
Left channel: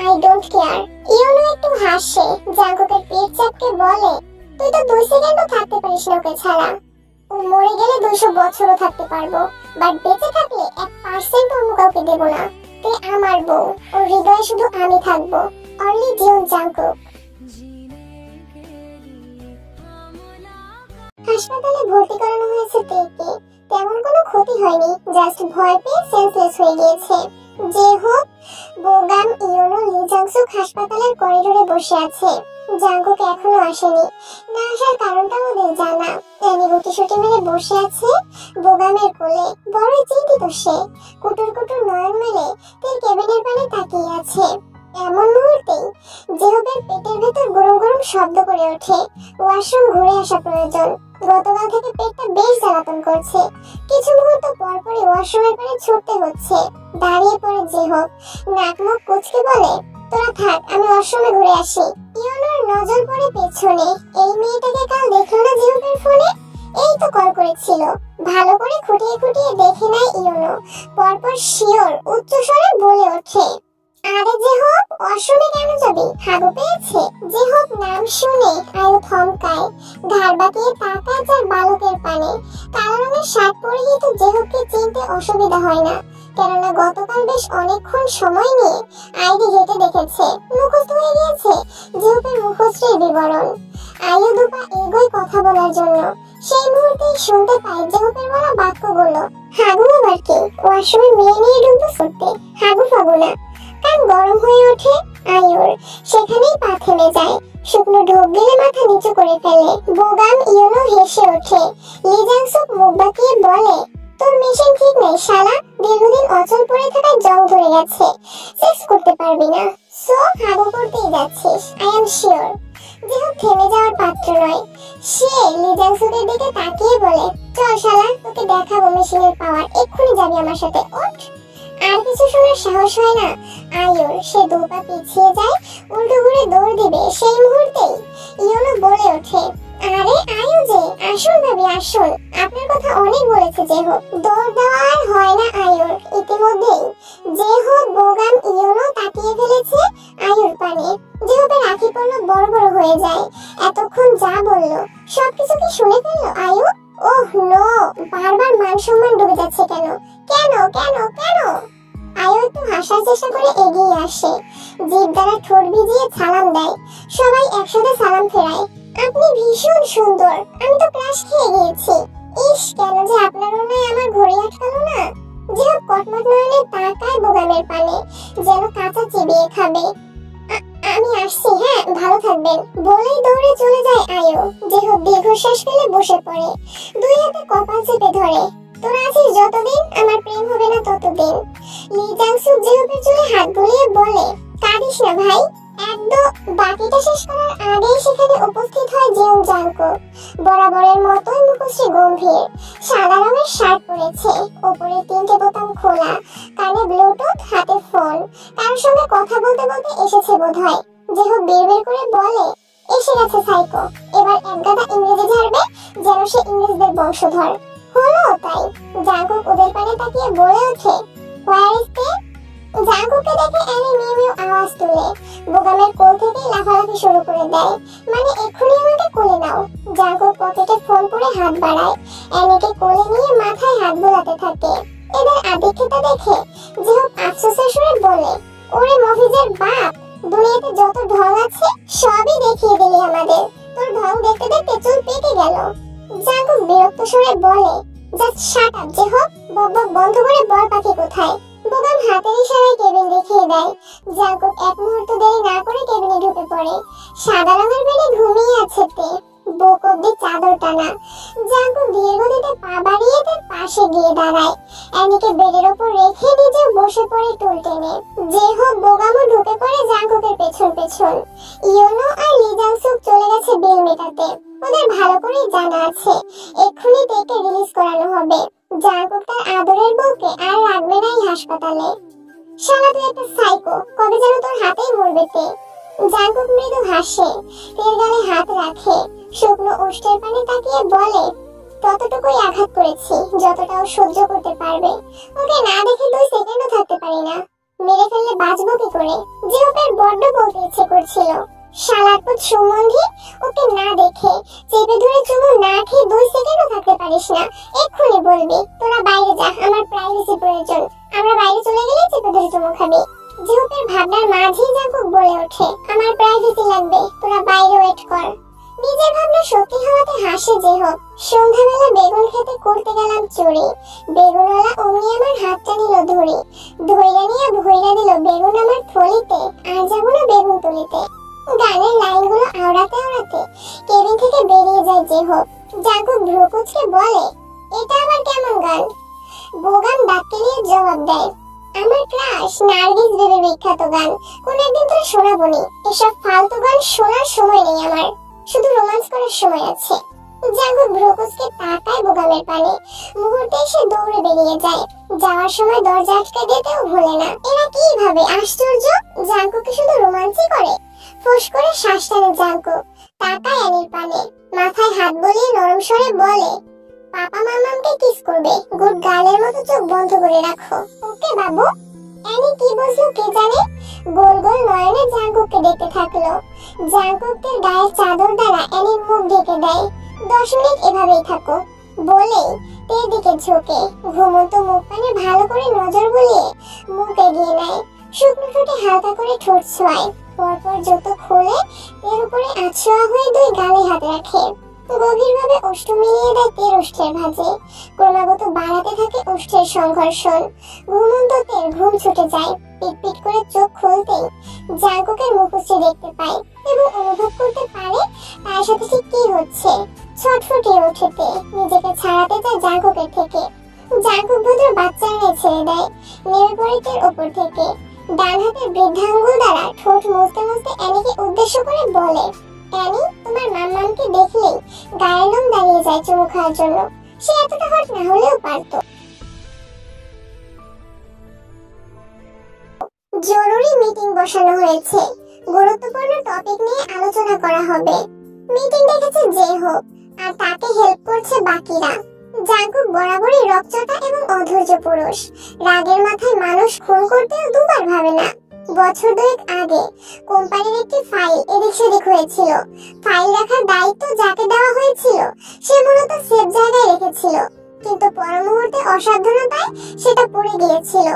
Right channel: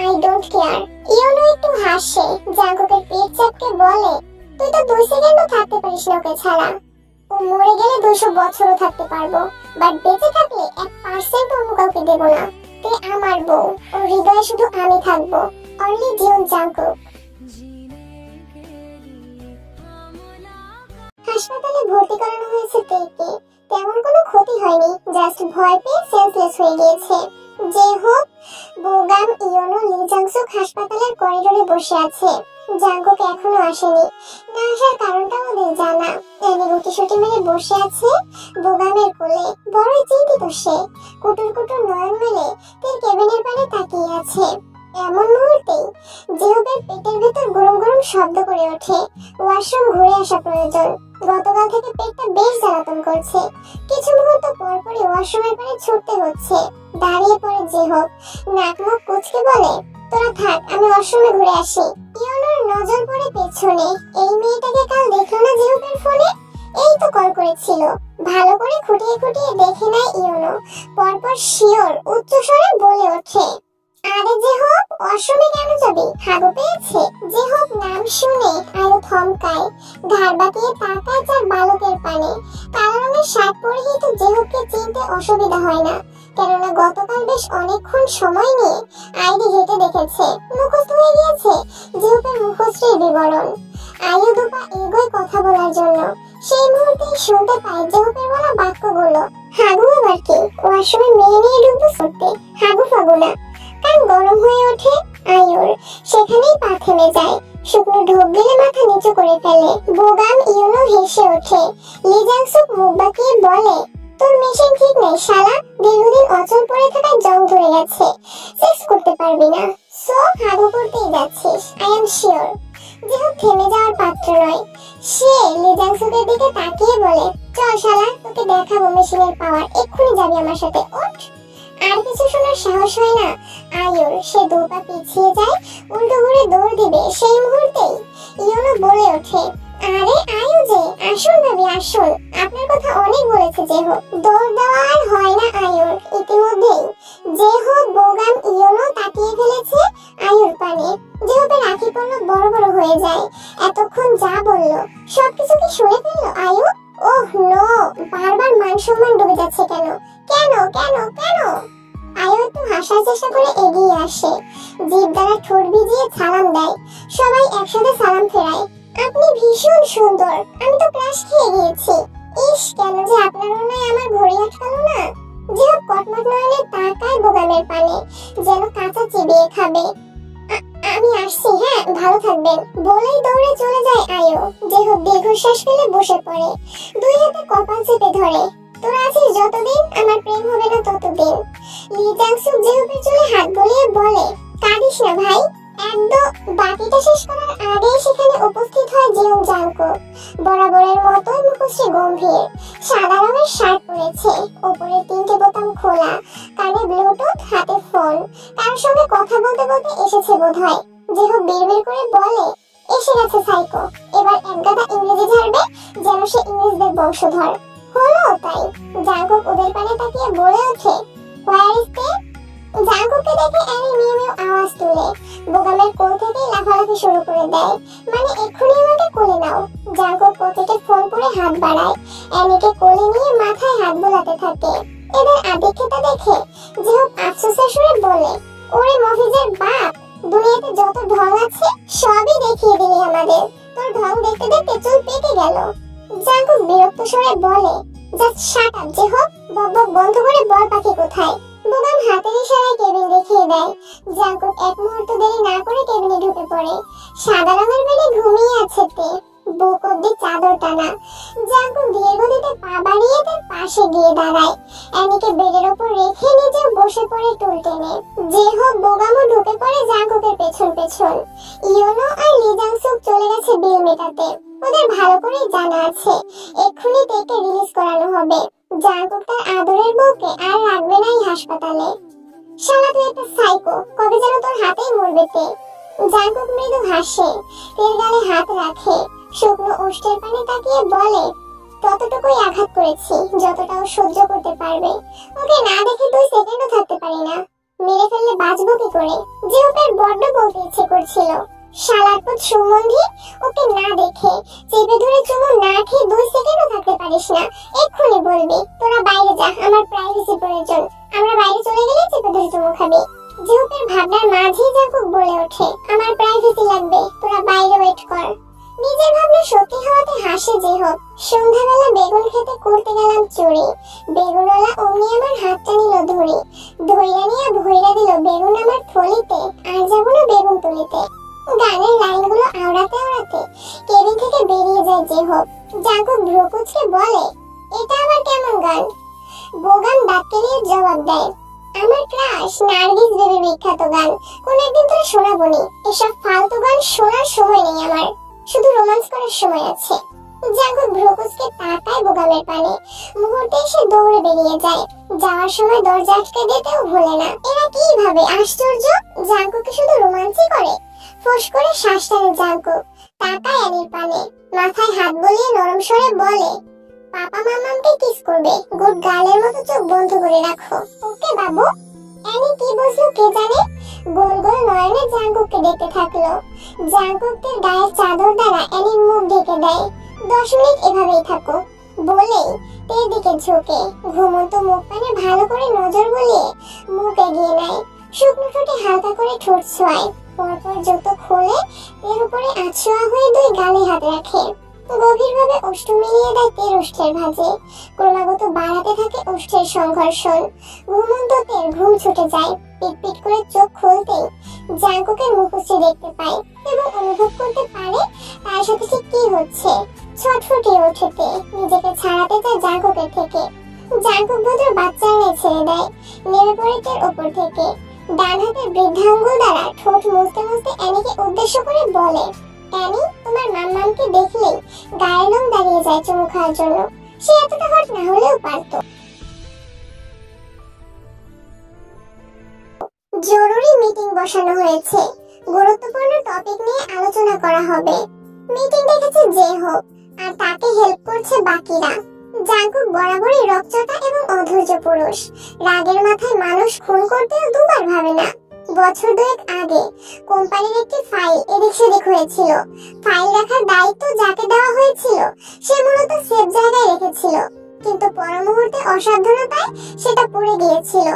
I don't care. ইয়োনো একটু হাসে। জাঙ্কুকের পেট চাপকে বলে, তুই তো 2 সেকেন্ডও থাকতে পারিস না ওকে ছাড়া। ও মরে গেলে 200 বছরও থাকতে পারবো, বাট বেঁচে থাকলে 1% অন্য কাউকে দেব না। তে আমার বউ, ওর হৃদয়ে শুধু আমি থাকবো। Only Jeon Jungkook. হাসপাতালে ভর্তি করানো হয়েছে তেকে। তেমন কোনো ক্ষতি হয়নি, জাস্ট ভয় পেয়ে সেন্সলেস হয়ে গিয়েছে। যে হোক, বোগাম, ইয়োনো, লি জাংসুক হাসপাতালের করিডোরে বসে আছে। জাঙ্কুক এখনো আসেনি। না আসার কারণটা ওদের জানা। এনি গুটিসুটি মেরে বসে আছে বোগামের কোলে। বড়ই চিন্তিত সে। কুটুর কুটুর নয়ন মেলে তার কেবিনের পানে তাকিয়ে আছে। এমন মুহূর্তেই জেহবের পেটের ভেতর গরম গরম শব্দ করে ওঠে। ওয়াশরুম ঘুরে আসা প্রয়োজন। গতকাল থেকে পেটটা বেশ জ্বালাতন করছে। কিছু মুহূর্ত পর পরই ওয়াশরুমের পানে ছুটতে হচ্ছে। দাঁড়িয়ে পড়ে জেহব, নাক মুখ কুচকে বলে, তোরা থাক, আমি ওয়াশরুমে ঘুরে আসি। ইয়োনোর নজর পড়ে পেছনে। এই মেয়েটাকে কাল দেখলো না জেহবের ফোনে? এই তো কল করেছিল। ভালো করে খুঁটিয়ে খুঁটিয়ে দেখে নেয় ইয়োনো। পরপর শিওর উচ্চ স্বরে বলে ওঠে, আরে জেহব, ওয়াশরুমে কেন যাবি? হাগু পেয়েছে? জেহব নাম শুনে আয়ু থমকায়। ঘাড় বাঁকিয়ে তাকায় তার বালকের পানে। কালো রঙের শার্ট পরেই তো জেহবকে চিনতে অসুবিধা হয় না, কেননা গতকাল বেশ অনেকক্ষণ সময় নিয়ে আইডি ঘেটে দেখেছে। মুখস্থ হয়ে গিয়েছে জেহবের মুখশ্রীর বিবরণ। আয়ু দুপা এগোয় কথা বলার জন্য। সেই মুহূর্তেই শুনতে পায় জেহবের বলা বাক্যগুলো। হাগু আবার কি? ওয়াশরুমে মেয়ে নিয়ে ঢুকবো সত্যি? হাগু ফাগু না। কান গরম হয়ে ওঠে আয়ুর। সেখানেই পা থেমে যায়। শুকনো ঢোক গেলে মাথা নিচু করে ফেলে। বোগাম, ইয়োনো হেসে ওঠে। লি জাংসুক মুখ বাঁকিয়ে বলে, তোর মেশিন ঠিক নেই শালা। দীর্ঘদিন অচল পড়ে থাকায় জং ধরে গেছে। সেক্স করতে পারবি না, সো হাগু করতেই যাচ্ছিস। I am sure. যেহেতু থেমে যাওয়ার পাত্র নয়। সে লি জাংসুকের দিকে তাকিয়ে বলে, চল শালা, তোকে দেখাবো মেশিনের পাওয়ার। এক্ষুনি যাবি আমার সাথে, ওঠ। আর কিছু শোনার সাহস হয় না আয়ুর। সে দু পা পিছিয়ে যায়, উল্টো ঘুরে দৌড় দিবে। সেই মুহূর্তেই ইয়োনো বলে ওঠে, আরে আয়ু যে, আসুন ভাবি আসুন, আপনার কথা অনেক বলেছে জেহো। দৌড় দেওয়া আর হয় না আয়ুর। ইতিমধ্যেই জেহো, বোগাম, ইয়োনো তাকিয়ে ফেলেছে আয়ুর পানে। জেহোপের আঁখি পড়লো বড় বড় হয়ে যায়। এতক্ষণ যা বললো সবকিছু কি শুনে ফেললো আয়ু? ওহ নো, বারবার মান সম্মান ডুবে যাচ্ছে কেন? কেন কেন কেন? আয়ু একটু হাসার চেষ্টা করে এগিয়ে আসে। জিভ দ্বারা ঠোঁট ভিজিয়ে সালাম দেয়। সবাই একসাথে সালাম ফেরায়। আপনি ভীষণ সুন্দর, আমি তো ক্রাশ খেয়ে গিয়েছি। ইস, কেন যে আপনার নয় আমার ঘড়ি আটকালো না। যেহেতু কটমট নয়নে তাকায় বোগামের পানে, যেন কাঁচা চিবিয়ে খাবে। আমি আসছি, হ্যাঁ ভালো থাকবেন বলেই দৌড়ে চলে যায় আয়ু। যেহেতু দীর্ঘশ্বাস ফেলে বসে পড়ে। দুই হাতে কপাল চেপে ধরে। তোরা আছিস যতদিন, আমার প্রেম হবে না ততদিন। লি জাংসুক জেহবের চুলে হাত বুলিয়ে বলে, কাঁদিস না ভাই। একদম বাকিটা শেষ করার আগেই সেখানে উপস্থিত হয় জিয়ং জাংকুক। বরাবরের মতোই মুখশ্রী গম্ভীর। সাদা রঙের শার্ট পরেছে, উপরে 3টে বোতাম খোলা, কানে ব্লুটুথ, হাতে ফোন। কারোর সঙ্গে কথা বলতে বলতে এসেছে বোধহয়। জেহব বিড়বিড় করে বলে, এসে গেছে সাইকো। এবার একগাদা ইংরেজি ঝাড়বে যেন সে ইংরেজদের বংশধর। হলো তাই। জাংকুক ওদের পানে তাকিয়ে বলে ওঠে, হোয়ার ইজ দে? জাংকুককে দেখে অ্যানি মিউ মিউ আওয়াজ তুলে বোগামের কোল থেকেই লাফালাফি শুরু করে দেয়। মানে এক্ষুনি আমাকে কোলে নাও। জাংকুক পকেটে ফোন পরে হাত বাড়ায়। অ্যানিকে কোলে নিয়ে মাথায় হাত বোলাতে থাকে। এদের আদিক্ষেতা দেখে যেহেতু আফসোসের সুরে বলে, ওরে মফিজের বাপ, দুনিয়াতে যত ঢং আছে সবই দেখিয়ে দিলি আমাদের। তোর ঢং দেখতে দেখতে চুল পেকে গেল। জাংকুক বিরক্ত সুরে বলে, জাস্ট শাট আপ জেহব, বকবক বন্ধ করে বল পাখি কোথায়? বোগাম হাতের ইশারায় কেবিন দেখিয়ে দেয়। জাংকুক এক মুহূর্ত দেরি না করে কেবিনে ঢুকে পড়ে। সাদা রঙের বেডে ঘুমিয়ে আছে তে। বুক অব্দি চাদর টানা। জাঙ্কুক ধীর গতিতে পা বাড়িয়ে তার পাশে গিয়ে দাঁড়ায়। অ্যানিকে বেডের ওপর রেখে নিজেও বসে পড়ে টুল টেনে। যে হোক বোগামও ঢুকে পড়ে জাঙ্কুকের পেছন পেছন। ইয়োনো আর লি জাংসুক চলে গেছে বিল মেটাতে। ওদের ভালো করে জানা আছে এক্ষুনি তেকে রিলিজ করানো হবে। জাঙ্কুক তার আদরের বউকে আর রাখবে না এই হাসপাতালে। শালা তুই একটা সাইকো, কবে যেন তোর হাতেই মরবে তে। জাঙ্কুক মৃদু হাসে, তের গালে হাত রাখে, শুকনো ওষ্ঠের পানে তাকিয়ে বলে, ততটুকুই আঘাত করেছি যতটা ও সহ্য করতে পারবে। ওকে না দেখে 2 সেকেন্ডও থাকতে পারি না। মেরে ফেললে বাঁচবো কি করে? জিওপের বড্ড বলতে ইচ্ছে করছিল। শালার পুত সম্বন্ধী, ওকে না দেখে চেপে ধরে চুমু না খেয়ে 2 সেকেন্ডও থাকতে পারিস না। এক্ষুনি বলবি তোরা বাইরে যা, আমার প্রাইভেসি প্রয়োজন। আমরা বাইরে চলে গেলে চেপে ধরে চুমু খাবি। জিওপের ভাবনার মাঝেই জাঙ্কুক বলে ওঠে, আমার প্রাইভেসি লাগবে, তোরা বাইরে ওয়েট কর। নিজের ভাবনা সত্যি হওয়াতে হাসে যে হোক। সন্ধ্যাবেলা বেগুন খেতে করতে গেলাম চুরি। বেগুনওয়ালা অমনি আমার হাতটা নিল ধরি। ধইরা নিয়ে ভইরা দিল বেগুন আমার থলিতে। আর যাবো না বেগুন তুলিতে। গানের লাইনগুলো আওড়াতে আওড়াতে কেবিন থেকে বেরিয়ে যায় যে হোক। জাঙ্কুক ভ্রুকুচকে বলে, এটা আবার কেমন গান? বোগাম দাঁত কেলিয়ে জবাব দেয়, আমার ক্রাশ নার্গিস বেবির বিখ্যাত গান। কোন একদিন তোরা শোনাবনি। এসব ফালতু গান শোনার সময় নেই আমার, শুধু রোমান্স করার সময় আছে। জাঙ্কুক ভ্রুকুচকে তাকায় বোগামের পানে। মুহূর্তে এসে দৌড়ে বেরিয়ে যায়। যাওয়ার সময় দরজা আটকে দিতেও ভোলে না। এরা কি ভাবে আশ্চর্য, জাঙ্কুককে শুধু রোমান্সই করে। ফোঁস করে শ্বাস টানে জাঙ্কুক। তাকায় অ্যানির পানে, মাথায় হাত বুলিয়ে নরম স্বরে বলে, পাপা মামামকে কিস করবে, গুড গার্লের মতো চোখ বন্ধ করে রাখো, ওকে বাবু। অ্যানি কি বুঝলো কে জানে, গোল গোল নয়নে জাঙ্কুককে দেখতে থাকলো। জাঙ্কুকের গায়ের চাদর দ্বারা অ্যানির মুখ ঢেকে দেয়। 10 মিনিট এভাবেই থাকো বলেই তের দিকে ঝুঁকে ঘুমন্ত মুখ পানে ভালো করে নজর বুলিয়ে মুখ এগিয়ে নেয়। শুকনো ঠোঁটে হালকা করে ঠোঁট ছোঁয়ায়। পরপর জুতো খুলে তের উপরে আছোয়া হয়ে 2 গালে হাত রাখে। গভীরভাবে ওষ্ঠ মিলিয়ে দেয় তের ওষ্ঠের ভাঁজে। ক্রমাগত বাড়াতে থাকে ওষ্ঠের সংঘর্ষণ। ঘুমন্ত তের ঘুম ছুটে যায়। পিটপিট করে চোখ খুলতেই জাঙ্কুকের মুখশ্রী দেখতে পায় এবং অনুভব করতে পারে তার সাথে ঠিক কি হচ্ছে। ছটফটিয়ে ওঠে তে, নিজেকে ছাড়াতে চায় জাঙ্কুকের থেকে। জাঙ্কুক ভদ্র বাচ্চার ন্যায় ছেড়ে দেয়। নেমে পড়ে তের ওপর থেকে। ডান হাতের বৃদ্ধাঙ্গুল দ্বারা ঠোঁট মুছতে মুছতে অ্যানিকে উদ্দেশ্য করে বলে, অ্যানি, তোমার মাম্মামকে দেখলেই গায়ের লোম দাঁড়িয়ে যায় চুমু খাওয়ার জন্য। সে এতটা হট না হলেও পারত। জরুরি মিটিং বসানো হয়েছে। গুরুত্বপূর্ণ টপিক নিয়ে আলোচনা করা হবে। মিটিং ডেকেছে যে হোক, আর তাকে হেল্প করছে বাকিরা। জাঙ্কুক বরাবরই রকচটা এবং অধৈর্য পুরুষ। রাগের মাথায় মানুষ খুন করতেও দুবার ভাবে না। বছর 2 আগে কোম্পানির একটি ফাইল এদিক সেদিক হয়েছিল। ফাইল রাখার দায়িত্ব যাকে দেওয়া হয়েছিল সে মূলত সেফ জায়গায় রেখেছিল, কিন্তু পর মুহূর্তে অসাবধানতায় সেটা পড়ে গিয়েছিল।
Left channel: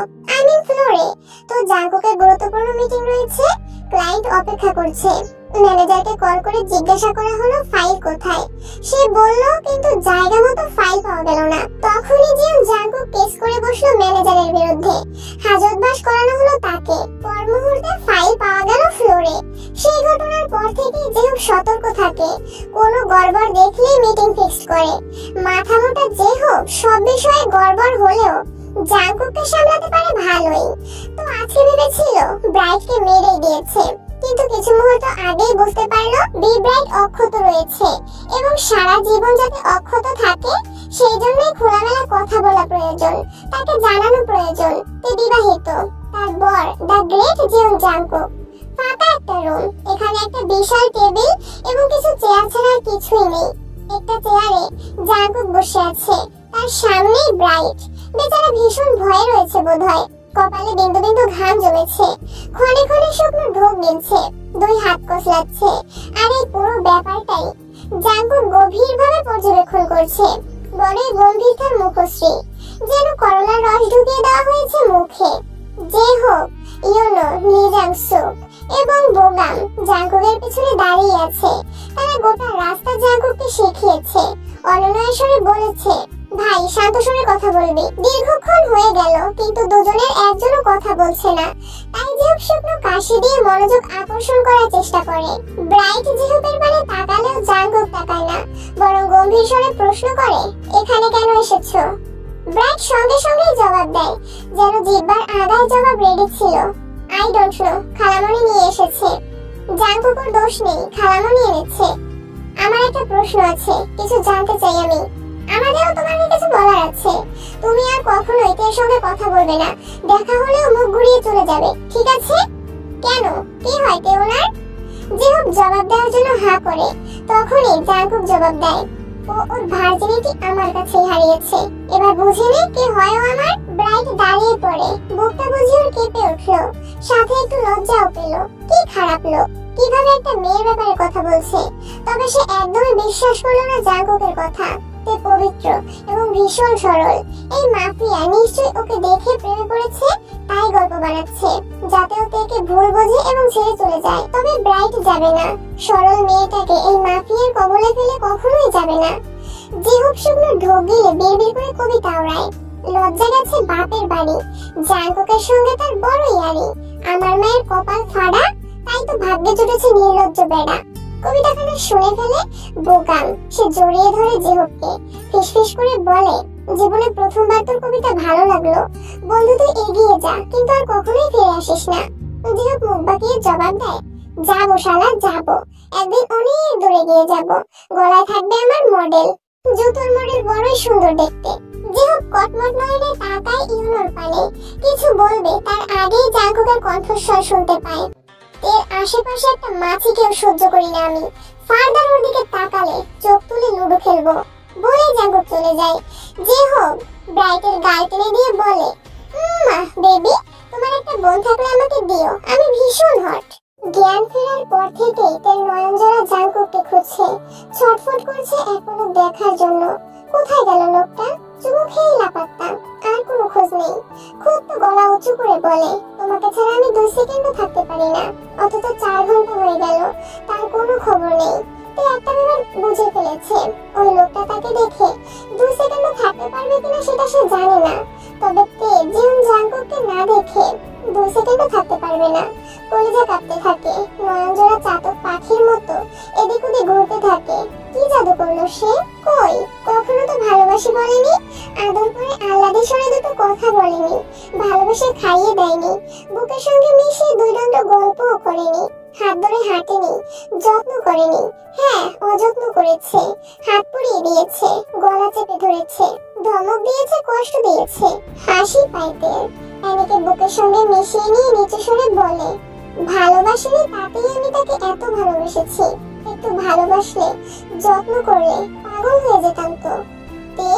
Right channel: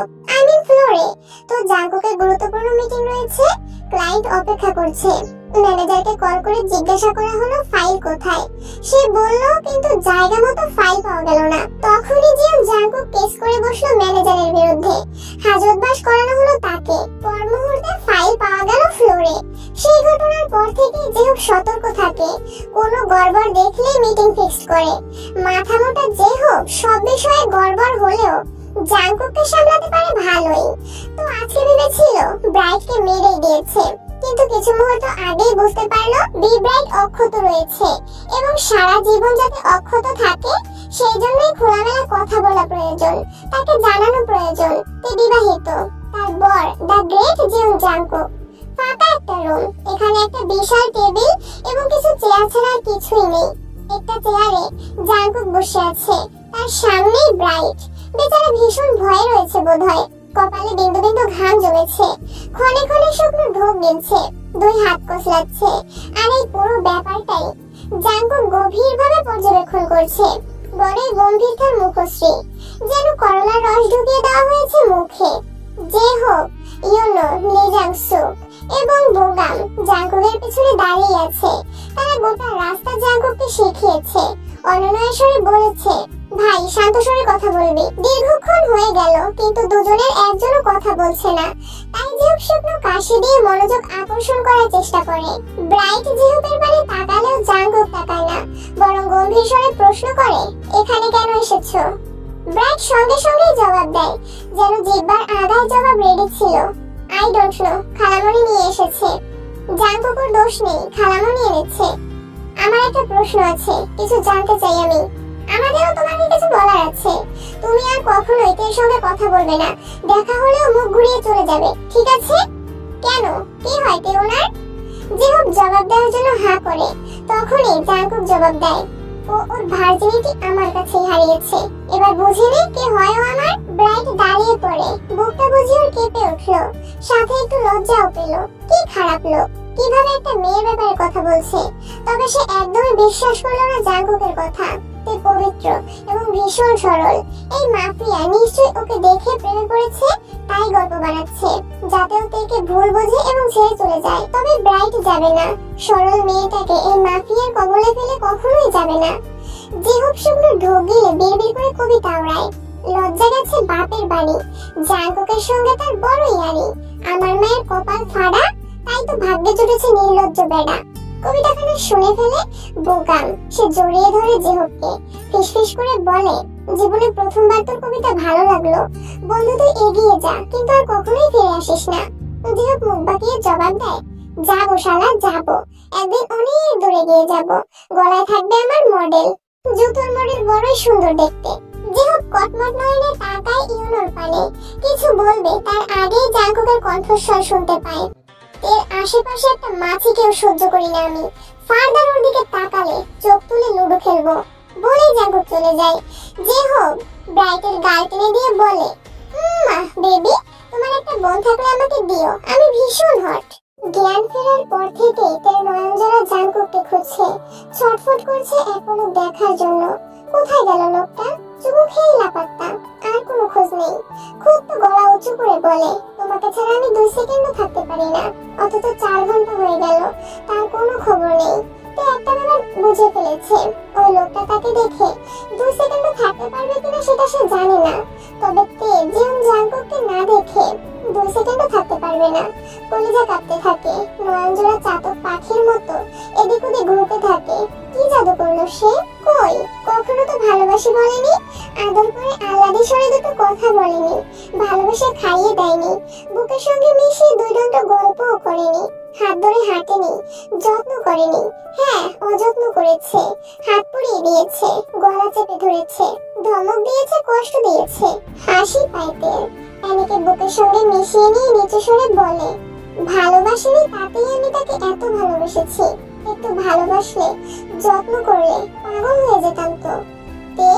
ফ্লোরে। তো জাঙ্কুকের গুরুত্বপূর্ণ মিটিং রয়েছে, ক্লায়েন্ট অপেক্ষা করছে। ম্যানেজারকে কল করে জিজ্ঞাসা করা হলো ফাইল কোথায়। সে বলল কিন্তু জায়গা মতো ফাইল পাওয়া গেল না। তখনই জিয়ং জাঙ্কুক কেস করে বসলো ম্যানেজারের বিরুদ্ধে। হাজতবাস করানো হলো তাকে। পর মুহূর্তে ফাইল পাওয়া গেল ফ্লোরে। সেই ঘটনার পর থেকে যেহোক সতর্ক থাকে, কোনো গড়বড় দেখলে মিটিং ফিক্সড করে। মাথা মোটা যেহোক সব বিষয়ে গড়বড় হলেও জাঙ্কুককে সামলাতে পারে ভালোই। তো আজকে ভেবেছিল ব্রাইটকে মেরেই দিয়েছে, কিন্তু কিছু মুহূর্ত আগেই বুঝতে পারলো বি ব্রাইট অক্ষত রয়েছে এবং সারা জীবন যাতে অক্ষত থাকে সেই জন্যই খোলামেলা কথা বলা প্রয়োজন। তাকে জানানো প্রয়োজন সে বিবাহিত। তার বর দ্য গ্রেট জিয়ং জাঙ্কুক। ফাঁকা একটা রুম, এখানে একটা বিশাল টেবিল এবং কিছু চেয়ার ছাড়া আর কিছুই নেই। একটা চেয়ারে জাঙ্কুক বসে আছে, তার সামনেই ব্রাইট। বেচারা ভীষণ ভয়ে রয়েছে বোধহয়। কপালে বিন্দু বিন্দু ঘাম জমেছে। ক্ষণে ক্ষণে শুকনো ঢোক গিলছে, 2 হাত কসলাচ্ছে। আর এই পুরো ব্যাপারটাই জাঙ্কুক গভীরভাবে পর্যবেক্ষণ করছে। বড়ই গম্ভীর তার মুখশ্রী, যেন করলার রস ঢুকিয়ে দেওয়া হয়েছে মুখে। যে হোক, ইয়োনো, লি জাংসুক এবং বোগাম জাঙ্কুকের পিছনে দাঁড়িয়ে আছে। তারা গোটা রাস্তা জাঙ্কুককে শিখিয়েছে। অনন্যা স্বরে বলেছে, ভাই শান্ত স্বরে কথা বলবি। দীর্ঘক্ষণ হয়ে গেল কিন্তু দুজনের একজনও কথা বলছে না। তাই জিহব শুকনো হাসি দিয়ে মনোযোগ আকর্ষণ করার চেষ্টা করে। ব্রাইট জিহুপের পানে তাকালেও জাঙ্কুক তাকায় না, বরং গম্ভীর স্বরে প্রশ্ন করে, এখানে কেন এসেছো? ব্রাইট সঙ্গে সঙ্গেই জবাব দেয়, যেন জিহ্বার আগায় জবাব রেডি ছিল। আই ডোন্ট নো, খালামণি নিয়ে এসেছে। জাঙ্কুকের দোষ নেই, খালামণি এনেছে। আমার একটা প্রশ্ন আছে, কিছু জানতে চাই আমি। আমাদেরও তোমাকে কিছু বলার আছে। তুমি আর কখনোই তের সঙ্গে কথা বলবে না, দেখা হলেও মুখ ঘুরিয়ে চলে যাবে, ঠিক আছে? কেন, কি হয় তে ওনার? জিহুপ জবাব দেওয়ার জন্য হা করে, তখনই জাঙ্কুক জবাব দেয়, ও ওর ভার্জিনিটি আমার কাছেই হারিয়েছে। এবার বুঝে নে কে হয় ও আমার। ব্রাইট দাঁড়িয়ে পড়ে, বুকটা বুঝি ওর কেঁপে উঠলো, সাথে একটু লজ্জাও পেল। কি খারাপ লোক, কিভাবে একটা মেয়ের ব্যাপারে কথা বলছে। তবে সে একদমই বিশ্বাস করলো না জাঙ্কুকের কথা। তে পবিত্র এবং ভীষণ সরল। এই মাফিয়া নিশ্চয়ই ওকে দেখে প্রেমে পড়েছে, তাই গল্প বানাচ্ছে যাতে ও তেকে ভুল বোঝে এবং ছেড়ে চলে যায়। তবে ব্রাইট যাবে না, সরল মেয়েটাকে এই মাফিয়ার কবলে ফেলে কখনোই যাবে না। জিহুপ শুকনো ঢোক গিলে বিড়বিড় করে কবিতা ওড়ায়। লজ্জা গেছে বাপের বাড়ি, জাঙ্কুকের সঙ্গে তার বড় ইয়ারি। আমার মায়ের কপাল ফাড়া, তাই তো ভাগ্যে জুটেছে নির্লজ্জ বেড়া। কবিতাখানা শুনে ফেলে বোকাম সে জড়িয়ে ধরে জিহুপকে, ফিসফিস করে বলে, জীবনে প্রথমবার তোর কবিতা ভালো লাগলো। বন্ধু তুই এগিয়ে যা, কিন্তু আর কখনোই ফিরে আসিস না। জিহুপ মুখ বাঁকিয়ে জবাব দেয়, যাবো শালা যাবো, একদিন অনেক দূরে গিয়ে যাব। গলায় থাকবে আমার মডেল, জুতোর মডেল বড়ই সুন্দর দেখতে। জিহুপ কটমট নয়নে তাকায় ইউনোর পানে, কিছু বলবে তার আগেই জাঙ্কুকের কণ্ঠস্বর শুনতে পায়, এর আশেপাশে একটা মাছিকেও সহ্য করি না আমি। ফার্দার ওর দিকে তাকালে চোখ তুলে লুডো খেলবো বলে জাঙ্কুক চলে যায়। জিহুপ ব্রাইটের গাল টেনে দিয়ে বলে, বেবি, তোমার একটা বোন থাকলে আমাকে দিও, আমি ভীষণ হট। জ্ঞান ফেরার পর থেকেই তার নয়নজোড়া জাঙ্কুককে খুঁজছে, ছটফট করছে এক পলক দেখার জন্য। কোথায় গেল লোকটা? চুমু খেয়ে লাপাত্তা, আর কোনো খোঁজ নেই। খুব তো গলা উঁচু করে বলে, তোমাকে ছাড়া আমি 2 সেকেন্ডও থাকতে পারি না। অথচ 4 ঘন্টা হয়ে গেল, তার কোনো খবর নেই। তে একটা ব্যাপার বুঝে ফেলেছে, ওই লোকটা তাকে দেখে 2 সেকেন্ডও থাকতে পারবে কিনা সেটা সে জানে না। তবে তে জিহুন জাঙ্কুককে না দেখে 2 সেকেন্ডও থাকতে পারবে না। কলিজা কাঁপতে থাকে, নয়নজোড়া চাতক পাখির মতো এদিক ওদিক ঘুরতে থাকে। কি জাদু করলো সে? কই, কখনো তো ভালোবাসি বলেনি, আদর করে আহ্লাদে সরে দুটো কথা বলেনি, ভালোবেসে খাইয়ে দেয়নি, বুকের সঙ্গে মিশিয়ে 2 দণ্ড গল্পও করেনি, হাত ধরে হাঁটেনি, যত্ন করেনি। হ্যাঁ, অযত্ন করেছে, হাত পুড়িয়ে দিয়েছে, গলা চেপে ধরেছে, ধমক দিয়েছে, কষ্ট দিয়েছে। হাসি পাইতে অ্যানিকে বুকের সঙ্গে মিশিয়ে নিয়ে নিচু স্বরে বলে, ভালোবাসিনি তাতেই আমি তাকে এত ভালোবেসেছি। একটু ভালোবাসলে, যত্ন করলে পাগল হয়ে যেতাম তো। তে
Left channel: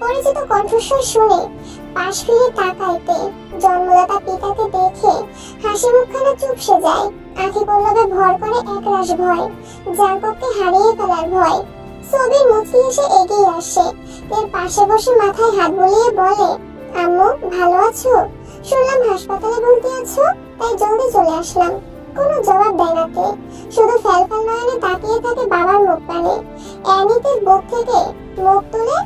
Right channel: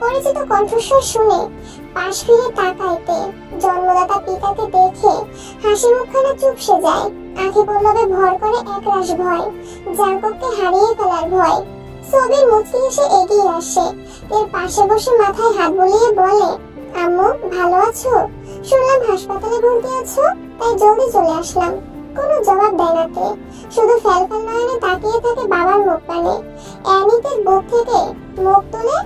পরিচিত কণ্ঠস্বর শুনে পাশ ফিরে তাকাইতে জন্মদাতা পিতাকে দেখে হাসি মুখখানা চুপসে যায়। আঁখি পল্লবে ভর করে একরাশ ভয়, জাঙ্কুককে হারিয়ে ফেলার ভয়। সবির মুচকি এসে এগিয়ে আসে, এর পাশে বসে মাথায় হাত বুলিয়ে বলে, আম্মু ভালো আছো? শুনলাম হাসপাতালে ভর্তি আছো, তাই জলদি চলে আসলাম। কোনো জবাব দেয় না তে, শুধু ফ্যালফ্যাল নয়নে তাকিয়ে থাকে বাবার মুখ পানে। অ্যানিতের বুক থেকে মুখ তুলে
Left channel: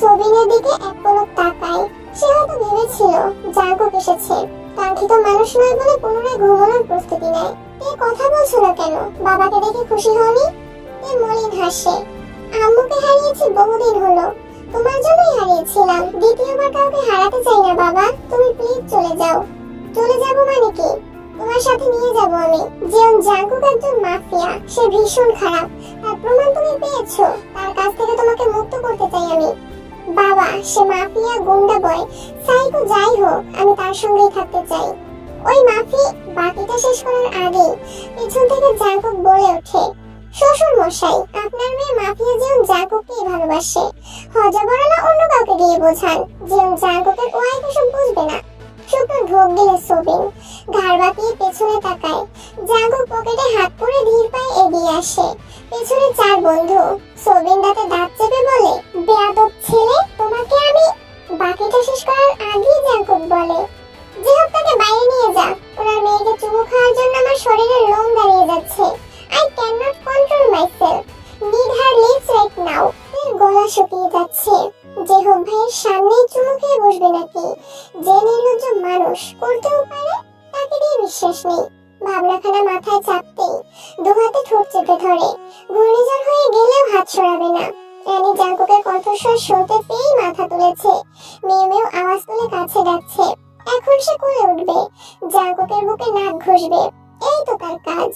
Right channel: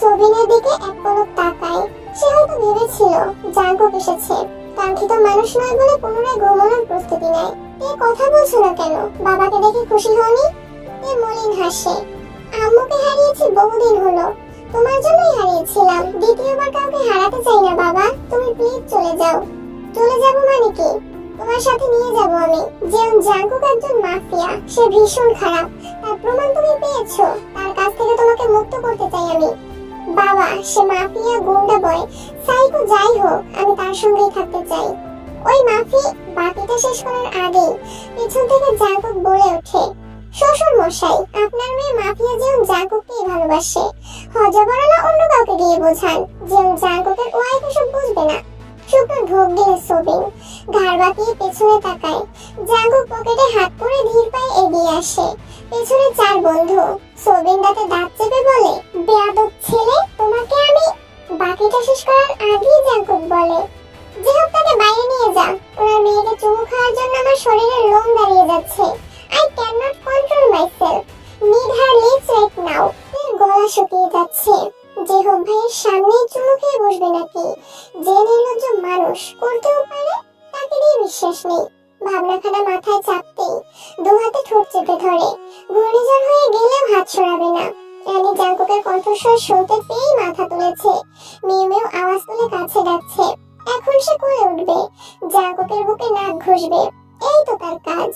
সবিনের দিকে এক পলক তাকায়। সে হয়তো ভেবেছিল জাঙ্কুক এসেছে, কাঙ্ক্ষিত মানুষ নয় বলে পুনরায় ঘুমানোর প্রস্তুতি নেয়। তে কথা বলছো না কেন? বাবাকে দেখে খুশি হওনি? তে মলিন হাসে, আম্মুকে হারিয়েছি বহুদিন হলো, তোমার জন্যই হারিয়েছিলাম। দ্বিতীয়বার কাউকে হারাতে চাই না বাবা, তুমি প্লিজ চলে যাও। চলে যাবো মানে কি? তোমার সাথে নিয়ে যাব আমি। যেমন জাঙ্কুক একজন মাফিয়া, সে ভীষণ খারাপ, তার প্রমাণ তুমি পেয়েছো। তার কাছ থেকে তোমাকে মুক্ত করতে চাই আমি। বাবা, সে মাফিয়া, গুন্ডা বয়, সাইকো যাই হোক, আমি তার সঙ্গেই থাকতে চাই। ওই মাফি বাকিটা শেষ করার আগেই পেছন থেকে জাঙ্কুক বলে ওঠে, শ্বশুর মশাই, আপনার মেয়ে মাফিয়া যেমন জাঙ্কুককেই ভালোবাসে। হজবরলা অন্য কাউকে দিয়ে বোঝান, যেমন জাঙ্কুকের ওয়াইফ এসব বুঝবে না। শুকনো ঢোক গেলে সবিন ঘাড় বাঁকিয়ে পেছনে তাকায়। জাঙ্কুক পকেটে হাত পুরে ধীর পায়ে এগিয়ে আসে। পেছনে 4 বন্ধু। সবিন দাঁতে দাঁত চেপে বলে, বেয়াদব ছেলে, তোমাকে আমি। বাকিটা শেষ করার আগেই জাঙ্কুক বলে, যে হোক তাকে বাইরে নিয়ে যা, ওনার মেয়েকে চুমু খাওয়ার জন্য আমার শরীরের লোম দাঁড়িয়ে যাচ্ছে। I cannot control myself. Need her lips right now. এর গলা শুকিয়ে যাচ্ছে। জেহব ভাইয়ের সামনেই চুমু খেয়ে বসবে নাকি? যে নির্লজ্জ মানুষ করতেও পারে, তাকে দিয়ে বিশ্বাস নেই। ভাবনাখানা মাথায় চাপতেই দু হাতে ঠোঁট চেপে ধরে। ঘূর্ণিঝড় হয়ে গেলেও হাত সরাবে না। অ্যানি জাঙ্কুকের কণ্ঠস্বর শুনতে পেয়েই মাথা তুলেছে। মেয়ে মেয়ে আওয়াজ তুলে কাছে ডাকছে। এখন সে কোলে উঠবে, জাঙ্কুকের বুকে নাক ঘষবে, এই তো তার কাজ।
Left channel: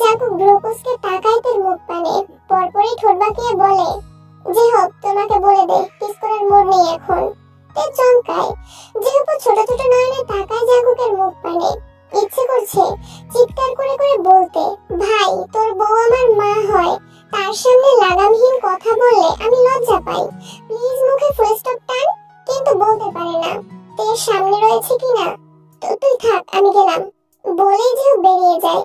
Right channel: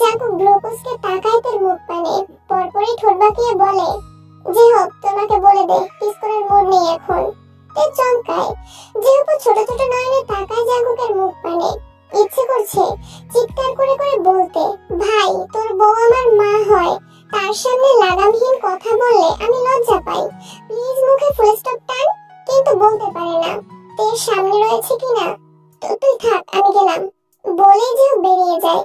জাঙ্কুক ভ্রুকুচকে তাকায় তার মুখ পানে, পরপরই ঠোঁট বাঁকিয়ে বলে, যে হোক তোমাকে বলে দে, কিস করার মোড় নেই এখন। তে চমকায়। যেহেতু ছোট ছোট নয়নে তাকায় জাঙ্কুকের মুখ পানে। ইচ্ছে করছে চিৎকার করে করে বলতে, ভাই তোর বউ আমার মা হয়, তার সামনে লাগামহীন কথা বললে আমি লজ্জা পাই, প্লিজ মুখে ফুল স্টপ টান। কিন্তু বলতে পারে না, তের সামনে রয়েছে কিনা। তুই থাক, আমি গেলাম বলেই যে বেরিয়ে যায়।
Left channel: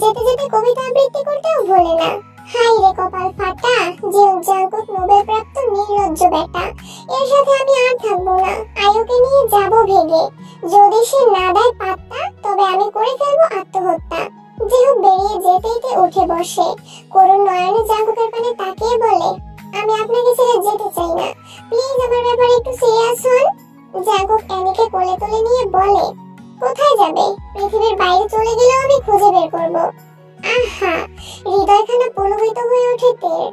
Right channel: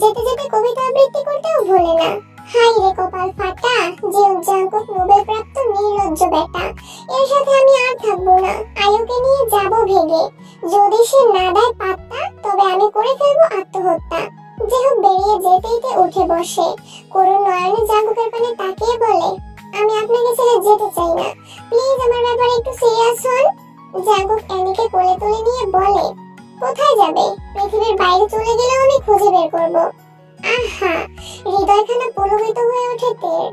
যেতে যেতে কবিতা আবৃত্তি করতেও ভোলে না। হাই রে কপাল ফাটা, জিয়ন জাঙ্কুক নোবেল প্রাপ্ত নির্লজ্জ বেটা, এর সাথে আমি আর থাকবো না। আয়ুকে নিয়ে যাব ভেগে, যদি সে না দেয় পাত্তা তবে আমি করে ফেলবো আত্মহত্যা। যেহ বেরিয়ে যেতেই উঠে বসে, করুণ নয়নে জাঙ্কুকের পানে তাকিয়ে বলে, আমি আপনাকে ছেড়ে যেতে চাই না, প্লিজ আমার ব্যাপারে একটু সিরিয়াস হন। জাঙ্কুক অ্যানিকে কোলে তুলে নিয়ে বলে, কোথায় যাবে? পৃথিবীর বাইরে চলে গেলেও আমি খুঁজে বের করব। আহা, হৃদয়খানা পুলকিত হয়ে ওঠে তের।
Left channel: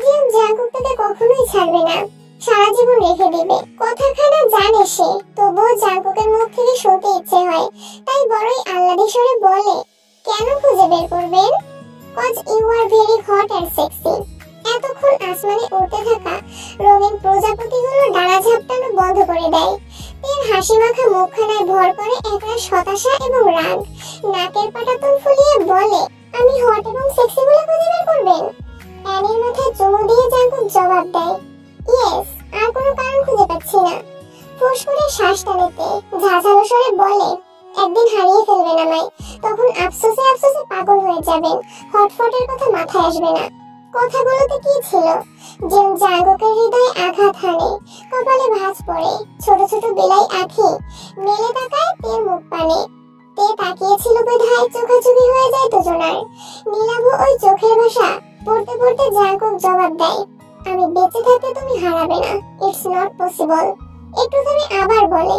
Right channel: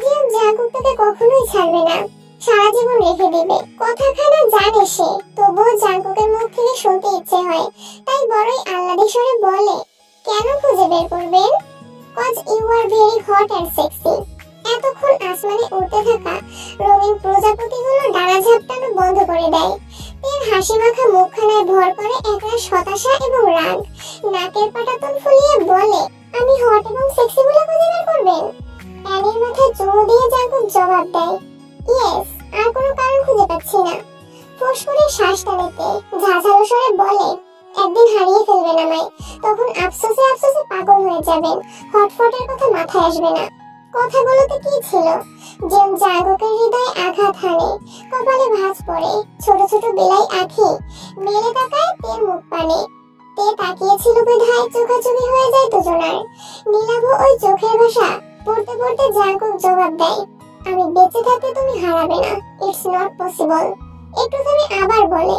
জিয়ন জাঙ্কুক তাকে কখনোই ছাড়বে না, সারা জীবন রেখে দিবে। কথাখানা জানে সে, তবুও জাঙ্কুকের মুখ থেকে শুনতে ইচ্ছে হয়, তাই বড়ই আহ্লাদে স্বরে বলে, কেন খুঁজে বের করবেন? Cause you are very hot and sexy. এতক্ষণ আসমানে উড়তে থাকা রঙিন প্রজাপতিগুলো ডানা ঝাপটানো বন্ধ করে দেয়। তের হাসি মাখা মুখখানায় ভর করে একরাশ হতাশা এবং রাগ। নাকের পাটাতন ফুলিয়ে বলে, আমি হট এবং সেক্সি বলে খুঁজে বের করবেন? অ্যানির মাথায় চুমু দিয়ে জাঙ্কুক জবাব দেয়, ইয়েস, আর কোনো কারণ খুঁজে পাচ্ছি না। ফোঁস করে শ্বাস টানেতে ঝাঝালো স্বরে বলে, একদিন হারিয়ে ফেলবেন আমায়, তখন আফসোসে আফসোসে পাগল হয়ে যাবেন, হটফটের কথা মাথায় আসবে না। কথাগুলোতে কি ছিল? যেন জাঙ্কুকের হৃদয়ে আঘাত হানে, কপালে ভাঁজ পড়ে, ছোট ছোট বেলাই আঁখি মেলে তাকায় তের মুখ পানে। তে তাকিয়েছিল বিধায় চোখাচোখি হয়ে যায় দুজনার। নীলাভ ওই চোখের ভাষা পড়তে পড়তে জাঙ্কুক জবাব দেয়, আমি বেঁচে থাকতে তুমি হারাবে না, ইটস নট পসিবল। একটু থেমে আবার বলে,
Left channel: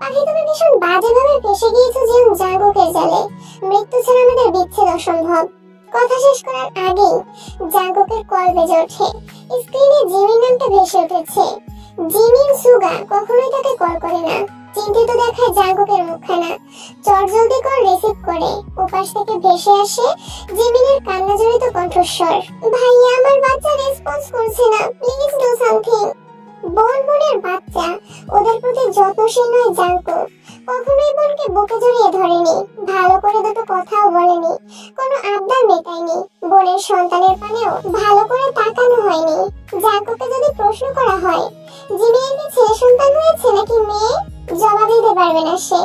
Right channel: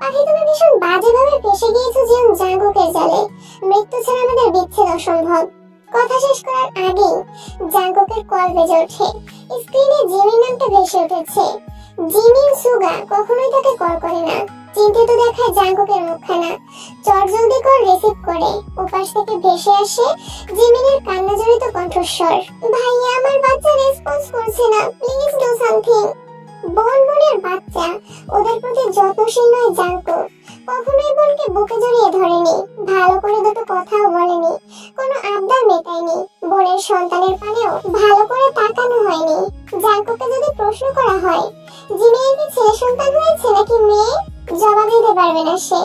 পাখি তুমি ভীষণ বাজেভাবে ফেসে গিয়েছো জিয়ন জাঙ্কুকের জালে, মৃত্যু ছাড়া আমাদের বিচ্ছেদ অসম্ভব। কথা শেষ করার আগেই জাঙ্কুকের কল বেজে ওঠে। স্ক্রিনে জিমির নামটা ভেসে উঠেছে। জিমিন সুগা কখনোই তাকে কল করে না। চিন্তিত দেখায় জাঙ্কুকের মুখখানা। চটজলদি কল রিসিভ করে ওপাশ থেকে ভেসে আসে জিমিনের কান্না জড়িত কণ্ঠস্বর, ভাইয়া আমার বাচ্চা রেসপন্স করছে না, প্লিজ ডু সামথিং। বোনের বাচ্চা, ওদের প্রতি যত্নশীল নয় জাঙ্কুক। কখনোই বোনকে বুকে জড়িয়ে ধরেনি, ভালো করে দুটো কথাও বলেনি, কোনো আবদার মেটায়নি। বোনের সন্তানের পানেও ভালো করে তাকানো হয়নি। জাঙ্কুককে যদি প্রশ্ন করা হয় জিমিনের কি ছেলে সন্তান হয়েছে নাকি মেয়ে, জবাব দিতে পারবে না সে।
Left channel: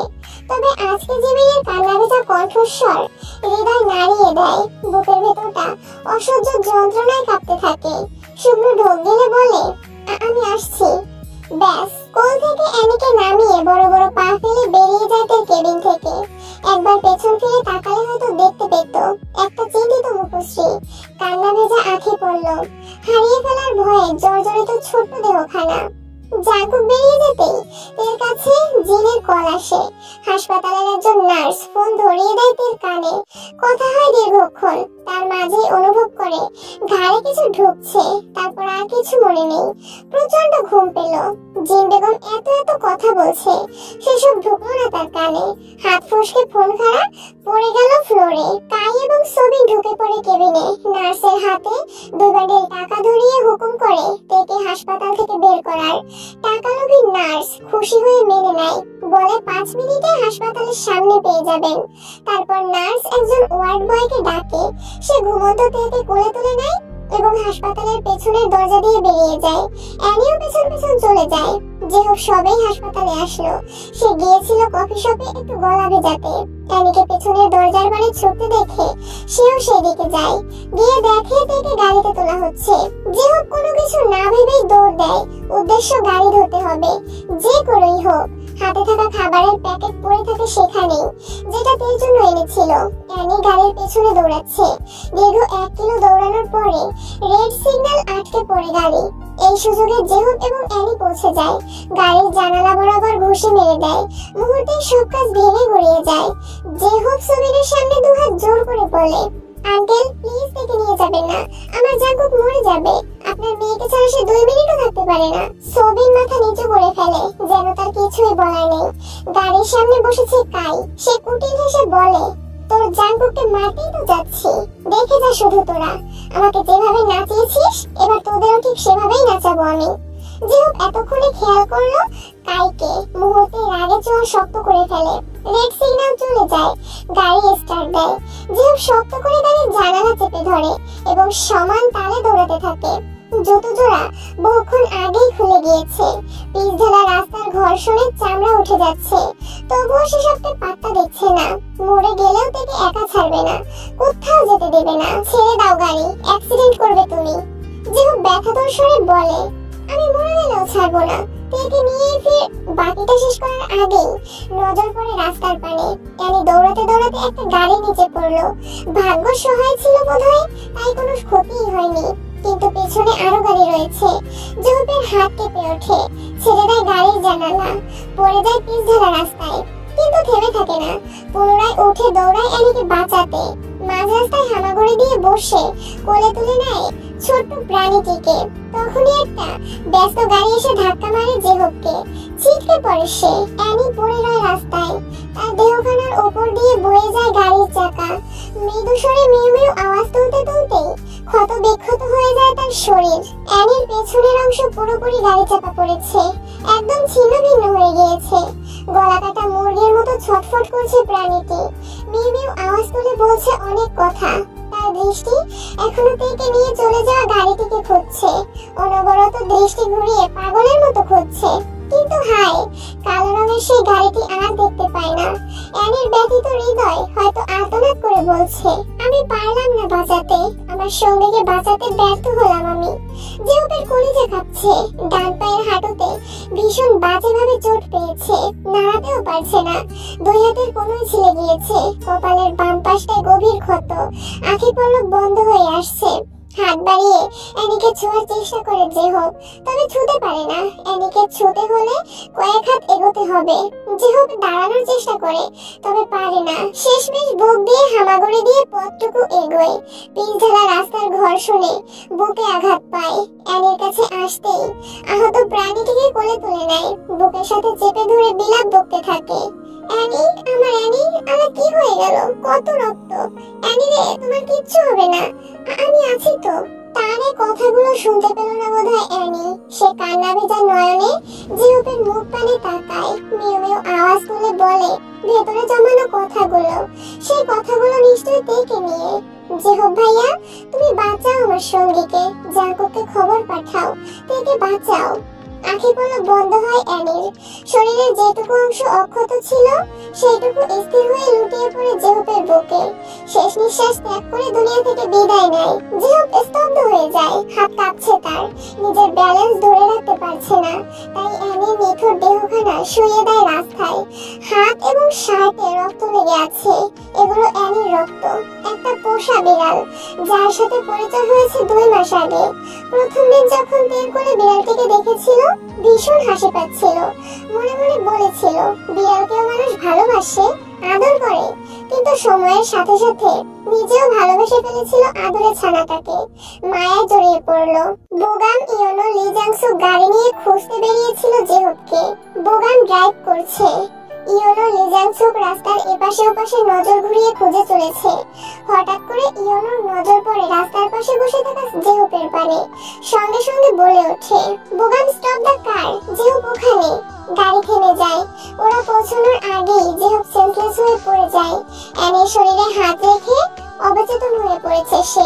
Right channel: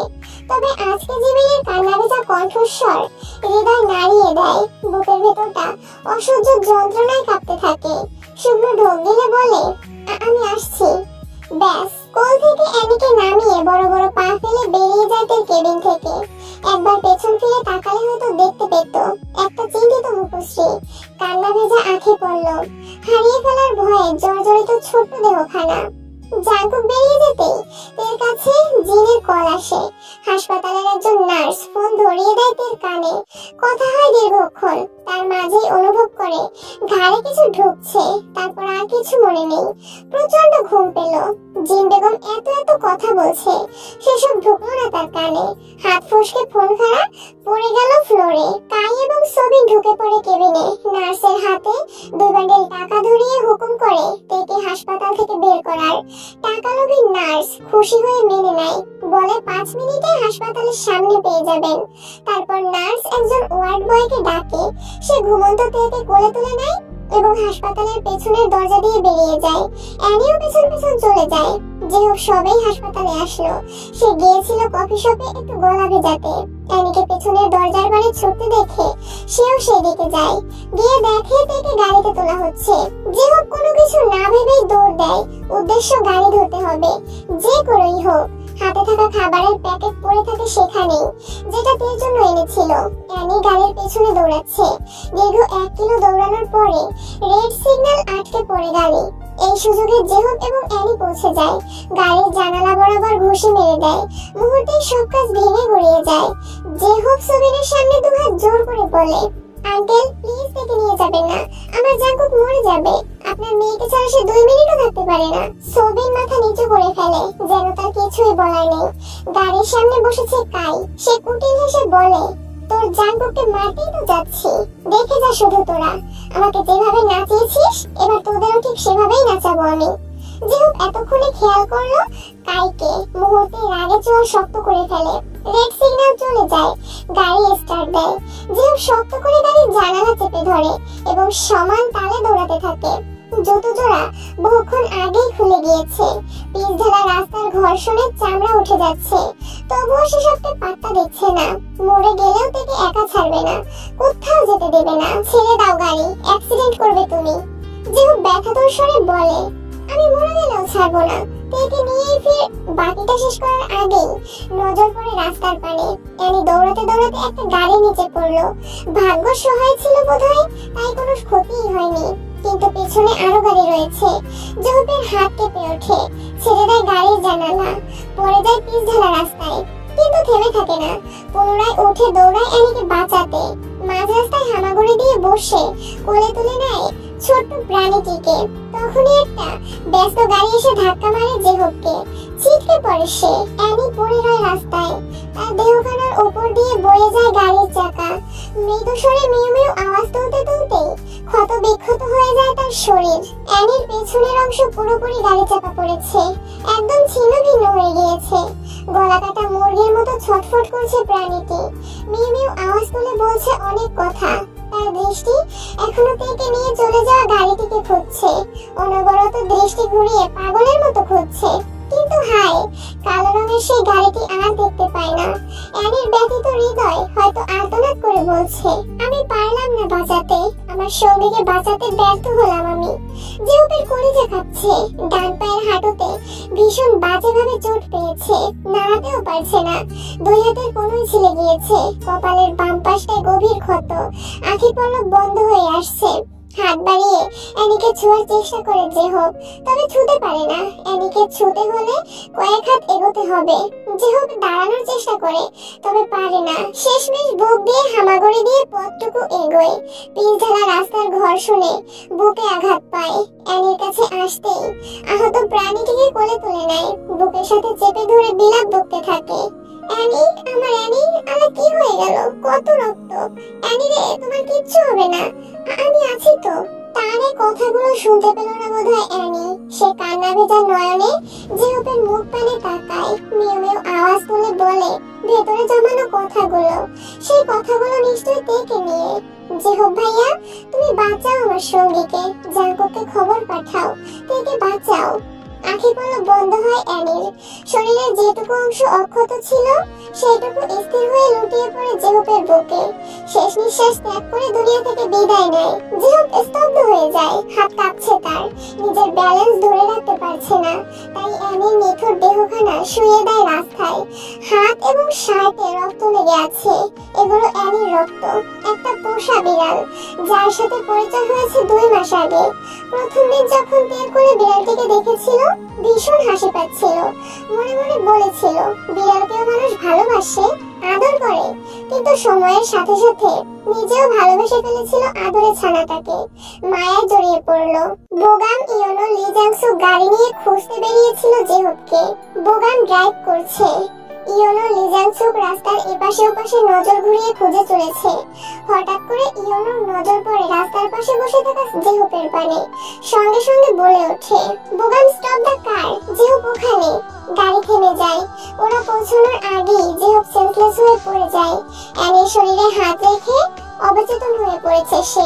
তবে আজকে জিমিনের কান্না ভেজা কণ্ঠস্বর হৃদয় নাড়িয়ে দেয়। বুকের ভেতরটা অসহ্য যন্ত্রণায় কাঁপতে থাকে। শুকনো ঢোক গেলে বলে, আমি আসছি। ব্যাস, কোল থেকে অ্যানিকে নামিয়ে বড় বড় পা ফেলে বেরিয়ে যায় তার কেবিন থেকে। একবার পেছন ফিরে তাকালে হয়তো দেখতে পেত একটা চিন্তিত মুখশ্রী, কান্না ভেজা আঁখি পড়ল, হারিয়ে ফেলার ভয়ে জর্জরিত ছোট্ট দেহখানা। জাঙ্কুক বেরিয়ে যেতেই তের কাছে জিনের কল আসে। হাসপাতালের একজন নার্স ফোন ধরিয়ে দেয় তের কানে। কথা হয় দীর্ঘক্ষণ। তার মাঝেই অনুভব করে ঘাড়ে কিছু ঢুকছে, তারপর আর কিছু মনে নেই। প্রচন্ড ঘুম পেল। জিন বেগম এত এত কথা বলছে, সেসব ঢুকলো না তার কানে। হাত ফসকে ফোন খাড়া পড়ে গেল ফ্লোরে। কাই এবং সবিন ঢুকে পড়ে কেবিনে। নার্সের হাতে 2 বান্ডেল টাকা ধরিয়ে হুকুম করে তেকে হাসপাতাল থেকে বের করার। টাকালোভী নার্স খুশি হয়ে মেনে নেয়, বলে 5 মিনিটে হাসপাতালের সামনে পেয়ে যাবেন। তারপর নার্স একজন ওয়ার্ড বয়কে ডাকে। সে ঘুমন্ত তেকে কোলে তুলে নেয় এবং হাসপাতালের পেছনের দরজা দিয়ে বেরিয়ে যায়। অ্যানিও পেছন পেছন চলে যায়। যে হোক সবাই হাসপাতালে আসলো। সে গিয়েছিল কফি শপে একটু গলা ভেজাতে। অ্যানিকে পেছনের দরজার বারে ছুটতে দেখে সেও সেদিকে যায়। গিয়ে দেখে তেকে গাড়িতে তোলা হচ্ছে। যে হোক কোনো কিছু না ভেবেই দৌড় দেয়। উদ্দেশ্য গাড়ি ধরতে হবে, যে করেই হোক। হাতে থাকা খাবারের প্যাকেট পড়ে থাকে সেখানেই, যেটা তের জন্য এনেছিল। অ্যানি গাড়ির পেছনে দৌড়াচ্ছে। দীর্ঘ 1 কিলো দৌড়ানোর পরে রেড সিগন্যাল আটকে পড়ে গাড়ি। এই সুযোগে জেহব এবং অ্যানি পৌঁছে যায়। গাড়ির জানালা বরাবর ঘুষি মেরে দেয়। মুহূর্তে সব কাজ ভেঙে গড়িয়ে যায়। জেহব সবিনের সামনে 2 জোর করে বলে, আঙ্কেল প্লিজ থেকে নিয়ে যাবেন না, আমার জাঙ্কুক মরে যাবে। আপনার মেয়েকে ছাড়া সে 2 মিনিটও থাকতে পারে না। সোবিন মাথা নিচু করে ফেলে, যেন তার কিছুই বলার নেই। গাড়ির সামনে বসেছে কাই, সে কুটিল হেসে বলে, তোর জাঙ্কুককে মারতেই তো যাচ্ছি, দেখে যা শুধু তোরা। আমাকে যেভাবে নাচিয়েছিস, এবার তোদেরও ঠিক সেভাবেই নাচাবো আমি। যেহেতু এতক্ষণে খেয়াল করলো কাইকে, মুহূর্তে রাগে চোয়াল শক্ত করে ফেলে। রেড সিগন্যাল চলে যায়, গাড়ি স্টার্ট দেয়। যেহেতু শক্ত করে গাড়ির জানালা চেপে ধরে এবং সমান তালে দৌড়াতে থাকে। জুতো জোড়া বহুক্ষণ আগেই খুলে গিয়েছে, পিচ ঢালা রাস্তার ঘর্ষণে চামড়া উঠে যাচ্ছে। তবুও সে সবকে পাত্তা দিচ্ছে না। মরে গেলেও তাকে একা ছাড়বে না, কোথাও যেতে দেবে না। ছেড়ে দাও গাড়ি, অ্যাক্সিডেন্ট করবে তুমি। যেহেতু ব্যথাতুর স্বরে বলে, আমি মরে গেলেও ছাড়বো না। তেকে নিয়ে ফির বাকিটা শেষ করার আগেই নজর পড়ে রাস্তার পানে। অ্যানি দৌড়াতে দৌড়াতে একটা গাড়ির নিচে পড়লো। ভাগ্য সহায় ছিল বোধহয়, তাই কোনো ক্ষতিই হয়নি। কিন্তু পেছনে আরো গাড়ি রয়েছে। জোহপের হাত কেঁপে ওঠে, ছেড়ে দেয় গাড়ির জানালা, পড়ে যায় পিচ ঢালা রাস্তায়। কিন্তু থেমে থাকে না, পুনরায় উঠে দৌড়ায় অ্যানিকে বাঁচাতে। মাঝ রাস্তায় হামাগুড়ি দিয়ে বসে কোলে তুলে নেয় ছোট্ট প্রাণীটিকে। তখনই একটা ব্যস্ত গাড়ি এসে ধাক্কা মারে জেহবকে। ছিটকে পড়ে সে। অ্যানি পড়ে রয় রাস্তায়, তার দেহখানার উপর দিয়ে বয়ে যায় গাড়ির চাকা। মৃদু স্বরে মিউ মিউ আওয়াজ তুলতে তুলতেই ক্ষত বিক্ষত হয়ে যায় তার শরীর। অ্যানির পেছনের অংশ পুরোপুরি গাড়ি চাপা পড়েছে, একদম ছিন্ন ভিন্ন হয়ে গিয়েছে। গলা কাটা মুরগির মতো ছটফট করছে প্রাণীটি। মিউ মিউ আওয়াজ তুলে বলছে অনেক কথা। তার দৃষ্টি এখনো তেকে নিয়ে চলে যাওয়া গাড়িটিকে খুঁজছে, অনবরত দৃষ্টি ঘুরিয়ে পাগলের মতো খুঁজছে। কিন্তু হায়, কালো রঙের সেই গাড়িটি আর দেখতে পায় না। অ্যানির ব্যথিত হৃদয় হয়তো আর্তনাদ করে বলছে, আমি পারলাম না বাঁচাতে, আমার সঙ্গীকে বাঁচাতে ব্যর্থ হলাম আমি। জেহপের কলিজা কাঁপছে, ডান পায়ের হাঁটুতে ভীষণ বাজেভাবে চোট পেয়েছে, নাড়াতেও পারছে না। 2 হাতের কোনোই ছিলে গিয়েছে, কপালের বাম পাশটায় গভীর ক্ষত, আঁখি পলক বন্ধ হয়ে আসছে। হাত বাড়িয়ে অ্যানিকে ছোঁয়ার চেষ্টা করে জেহব, তবে ছুঁতে পারে না। অ্যানিকে ছুঁতে হলে কয়েক হাত এগোতে হবে। জেহব দাঁড়ানোর চেষ্টা করে, তবে পারে না। শেষমেশ বুক দিয়ে হামাগুড়ি দিয়ে পথটুকু এগোয়। পিচ ঢালা রাস্তার ঘর্ষণে বুকে আঘাত পায়। অ্যানির কাছে আসতেই আহত প্রাণীটিকে কোলে তুলে নেয়, বুকের সাথে চেপে ধরে বিলাপ বকতে থাকে। অ্যানি, আমার অ্যানি, আমার কি হয়ে গেল? কত রক্ত! অ্যানি রে, তোমার কিচ্ছু হবে না, আমি আছি তো। তার এই কথাগুলো শুনতে পেল না বোধহয় অ্যানি। সে কান্না ভেজা নয়নে জেহপের মুখ পানে তাকায়, মেও মেও আওয়াজ তুলে বলে ভেতরে জমানো কথাগুলো। সেই কথাগুলো নিশ্চয়ই তেকে নিয়ে। জেহব ভাইয়া, তুমি বাঁচাও আমার সঙ্গীকে, জাঙ্কুককে খবর পাঠাও, তেকে বাঁচাও। আঁখি পলক বন্ধ হয় অ্যানির। শরীরের যেটুকু অংশ অক্ষত ছিল সেইটুকু স্থির হয়ে লুটিয়ে পড়ে জেহপের বুকে। শেষ নিঃশ্বাস ত্যাগ করে দুনিয়া থেকে বিদায় নেয়। জেহপ স্তব্ধ হয়ে যায়, হাত কাঁপছে তার, নিজের ব্যালেন্স ধরে রাখতে পারছে না। তাই অ্যানির নিথর দেহখানা শুয়ে দেয় রাস্তায়। হাত এবং শার্টে রক্ত লেগে আছে, এগুলো অ্যানির রক্ত। একটা পোষা বিড়াল, যার সাথে পরিচয় হয়েছে 2 মাস আগে। প্রথম দিন যখন তের কোলে বিড়ালটিকে দেখেছিল, ভীষণ হাসি পাচ্ছিল। মনে মনে বলেছিল বিড়ালকেও মানুষ ভালোবাসে, আদর করে। কিন্তু সময়ের সাথে সাথে নিজেও ভালোবেসে ফেলেছিল আদরের ছানাটাকে। মায়ায় জড়িয়ে পড়লো। বোগাম ইয়োনো লি জাংসু গাড়ি নিয়ে খুঁজতে বেরিয়েছিল জেহবকে। বোগাম ড্রাইভ করছে, ইয়োনো লি জাংসুক রাস্তার এপাশে ওপাশে নজর ঘুরিয়ে খুঁজে চলেছে। হঠাৎ করে ইয়োনোর নজর পড়ে রাস্তার পাশে বসে থাকা জেহপের পানে। সঙ্গে সঙ্গে বলে ওঠে, বোগাম স্টপ দ্য কার। জেহপ ওখানে। গাড়ি থেমে যায়। ওরা পৌঁছানোর আগেই জেহপ সেন্সলেস হয়ে পড়ে যায়। অ্যানির শরীরে হাত রেখে অবচেতন হয়ে পড়েছে সে।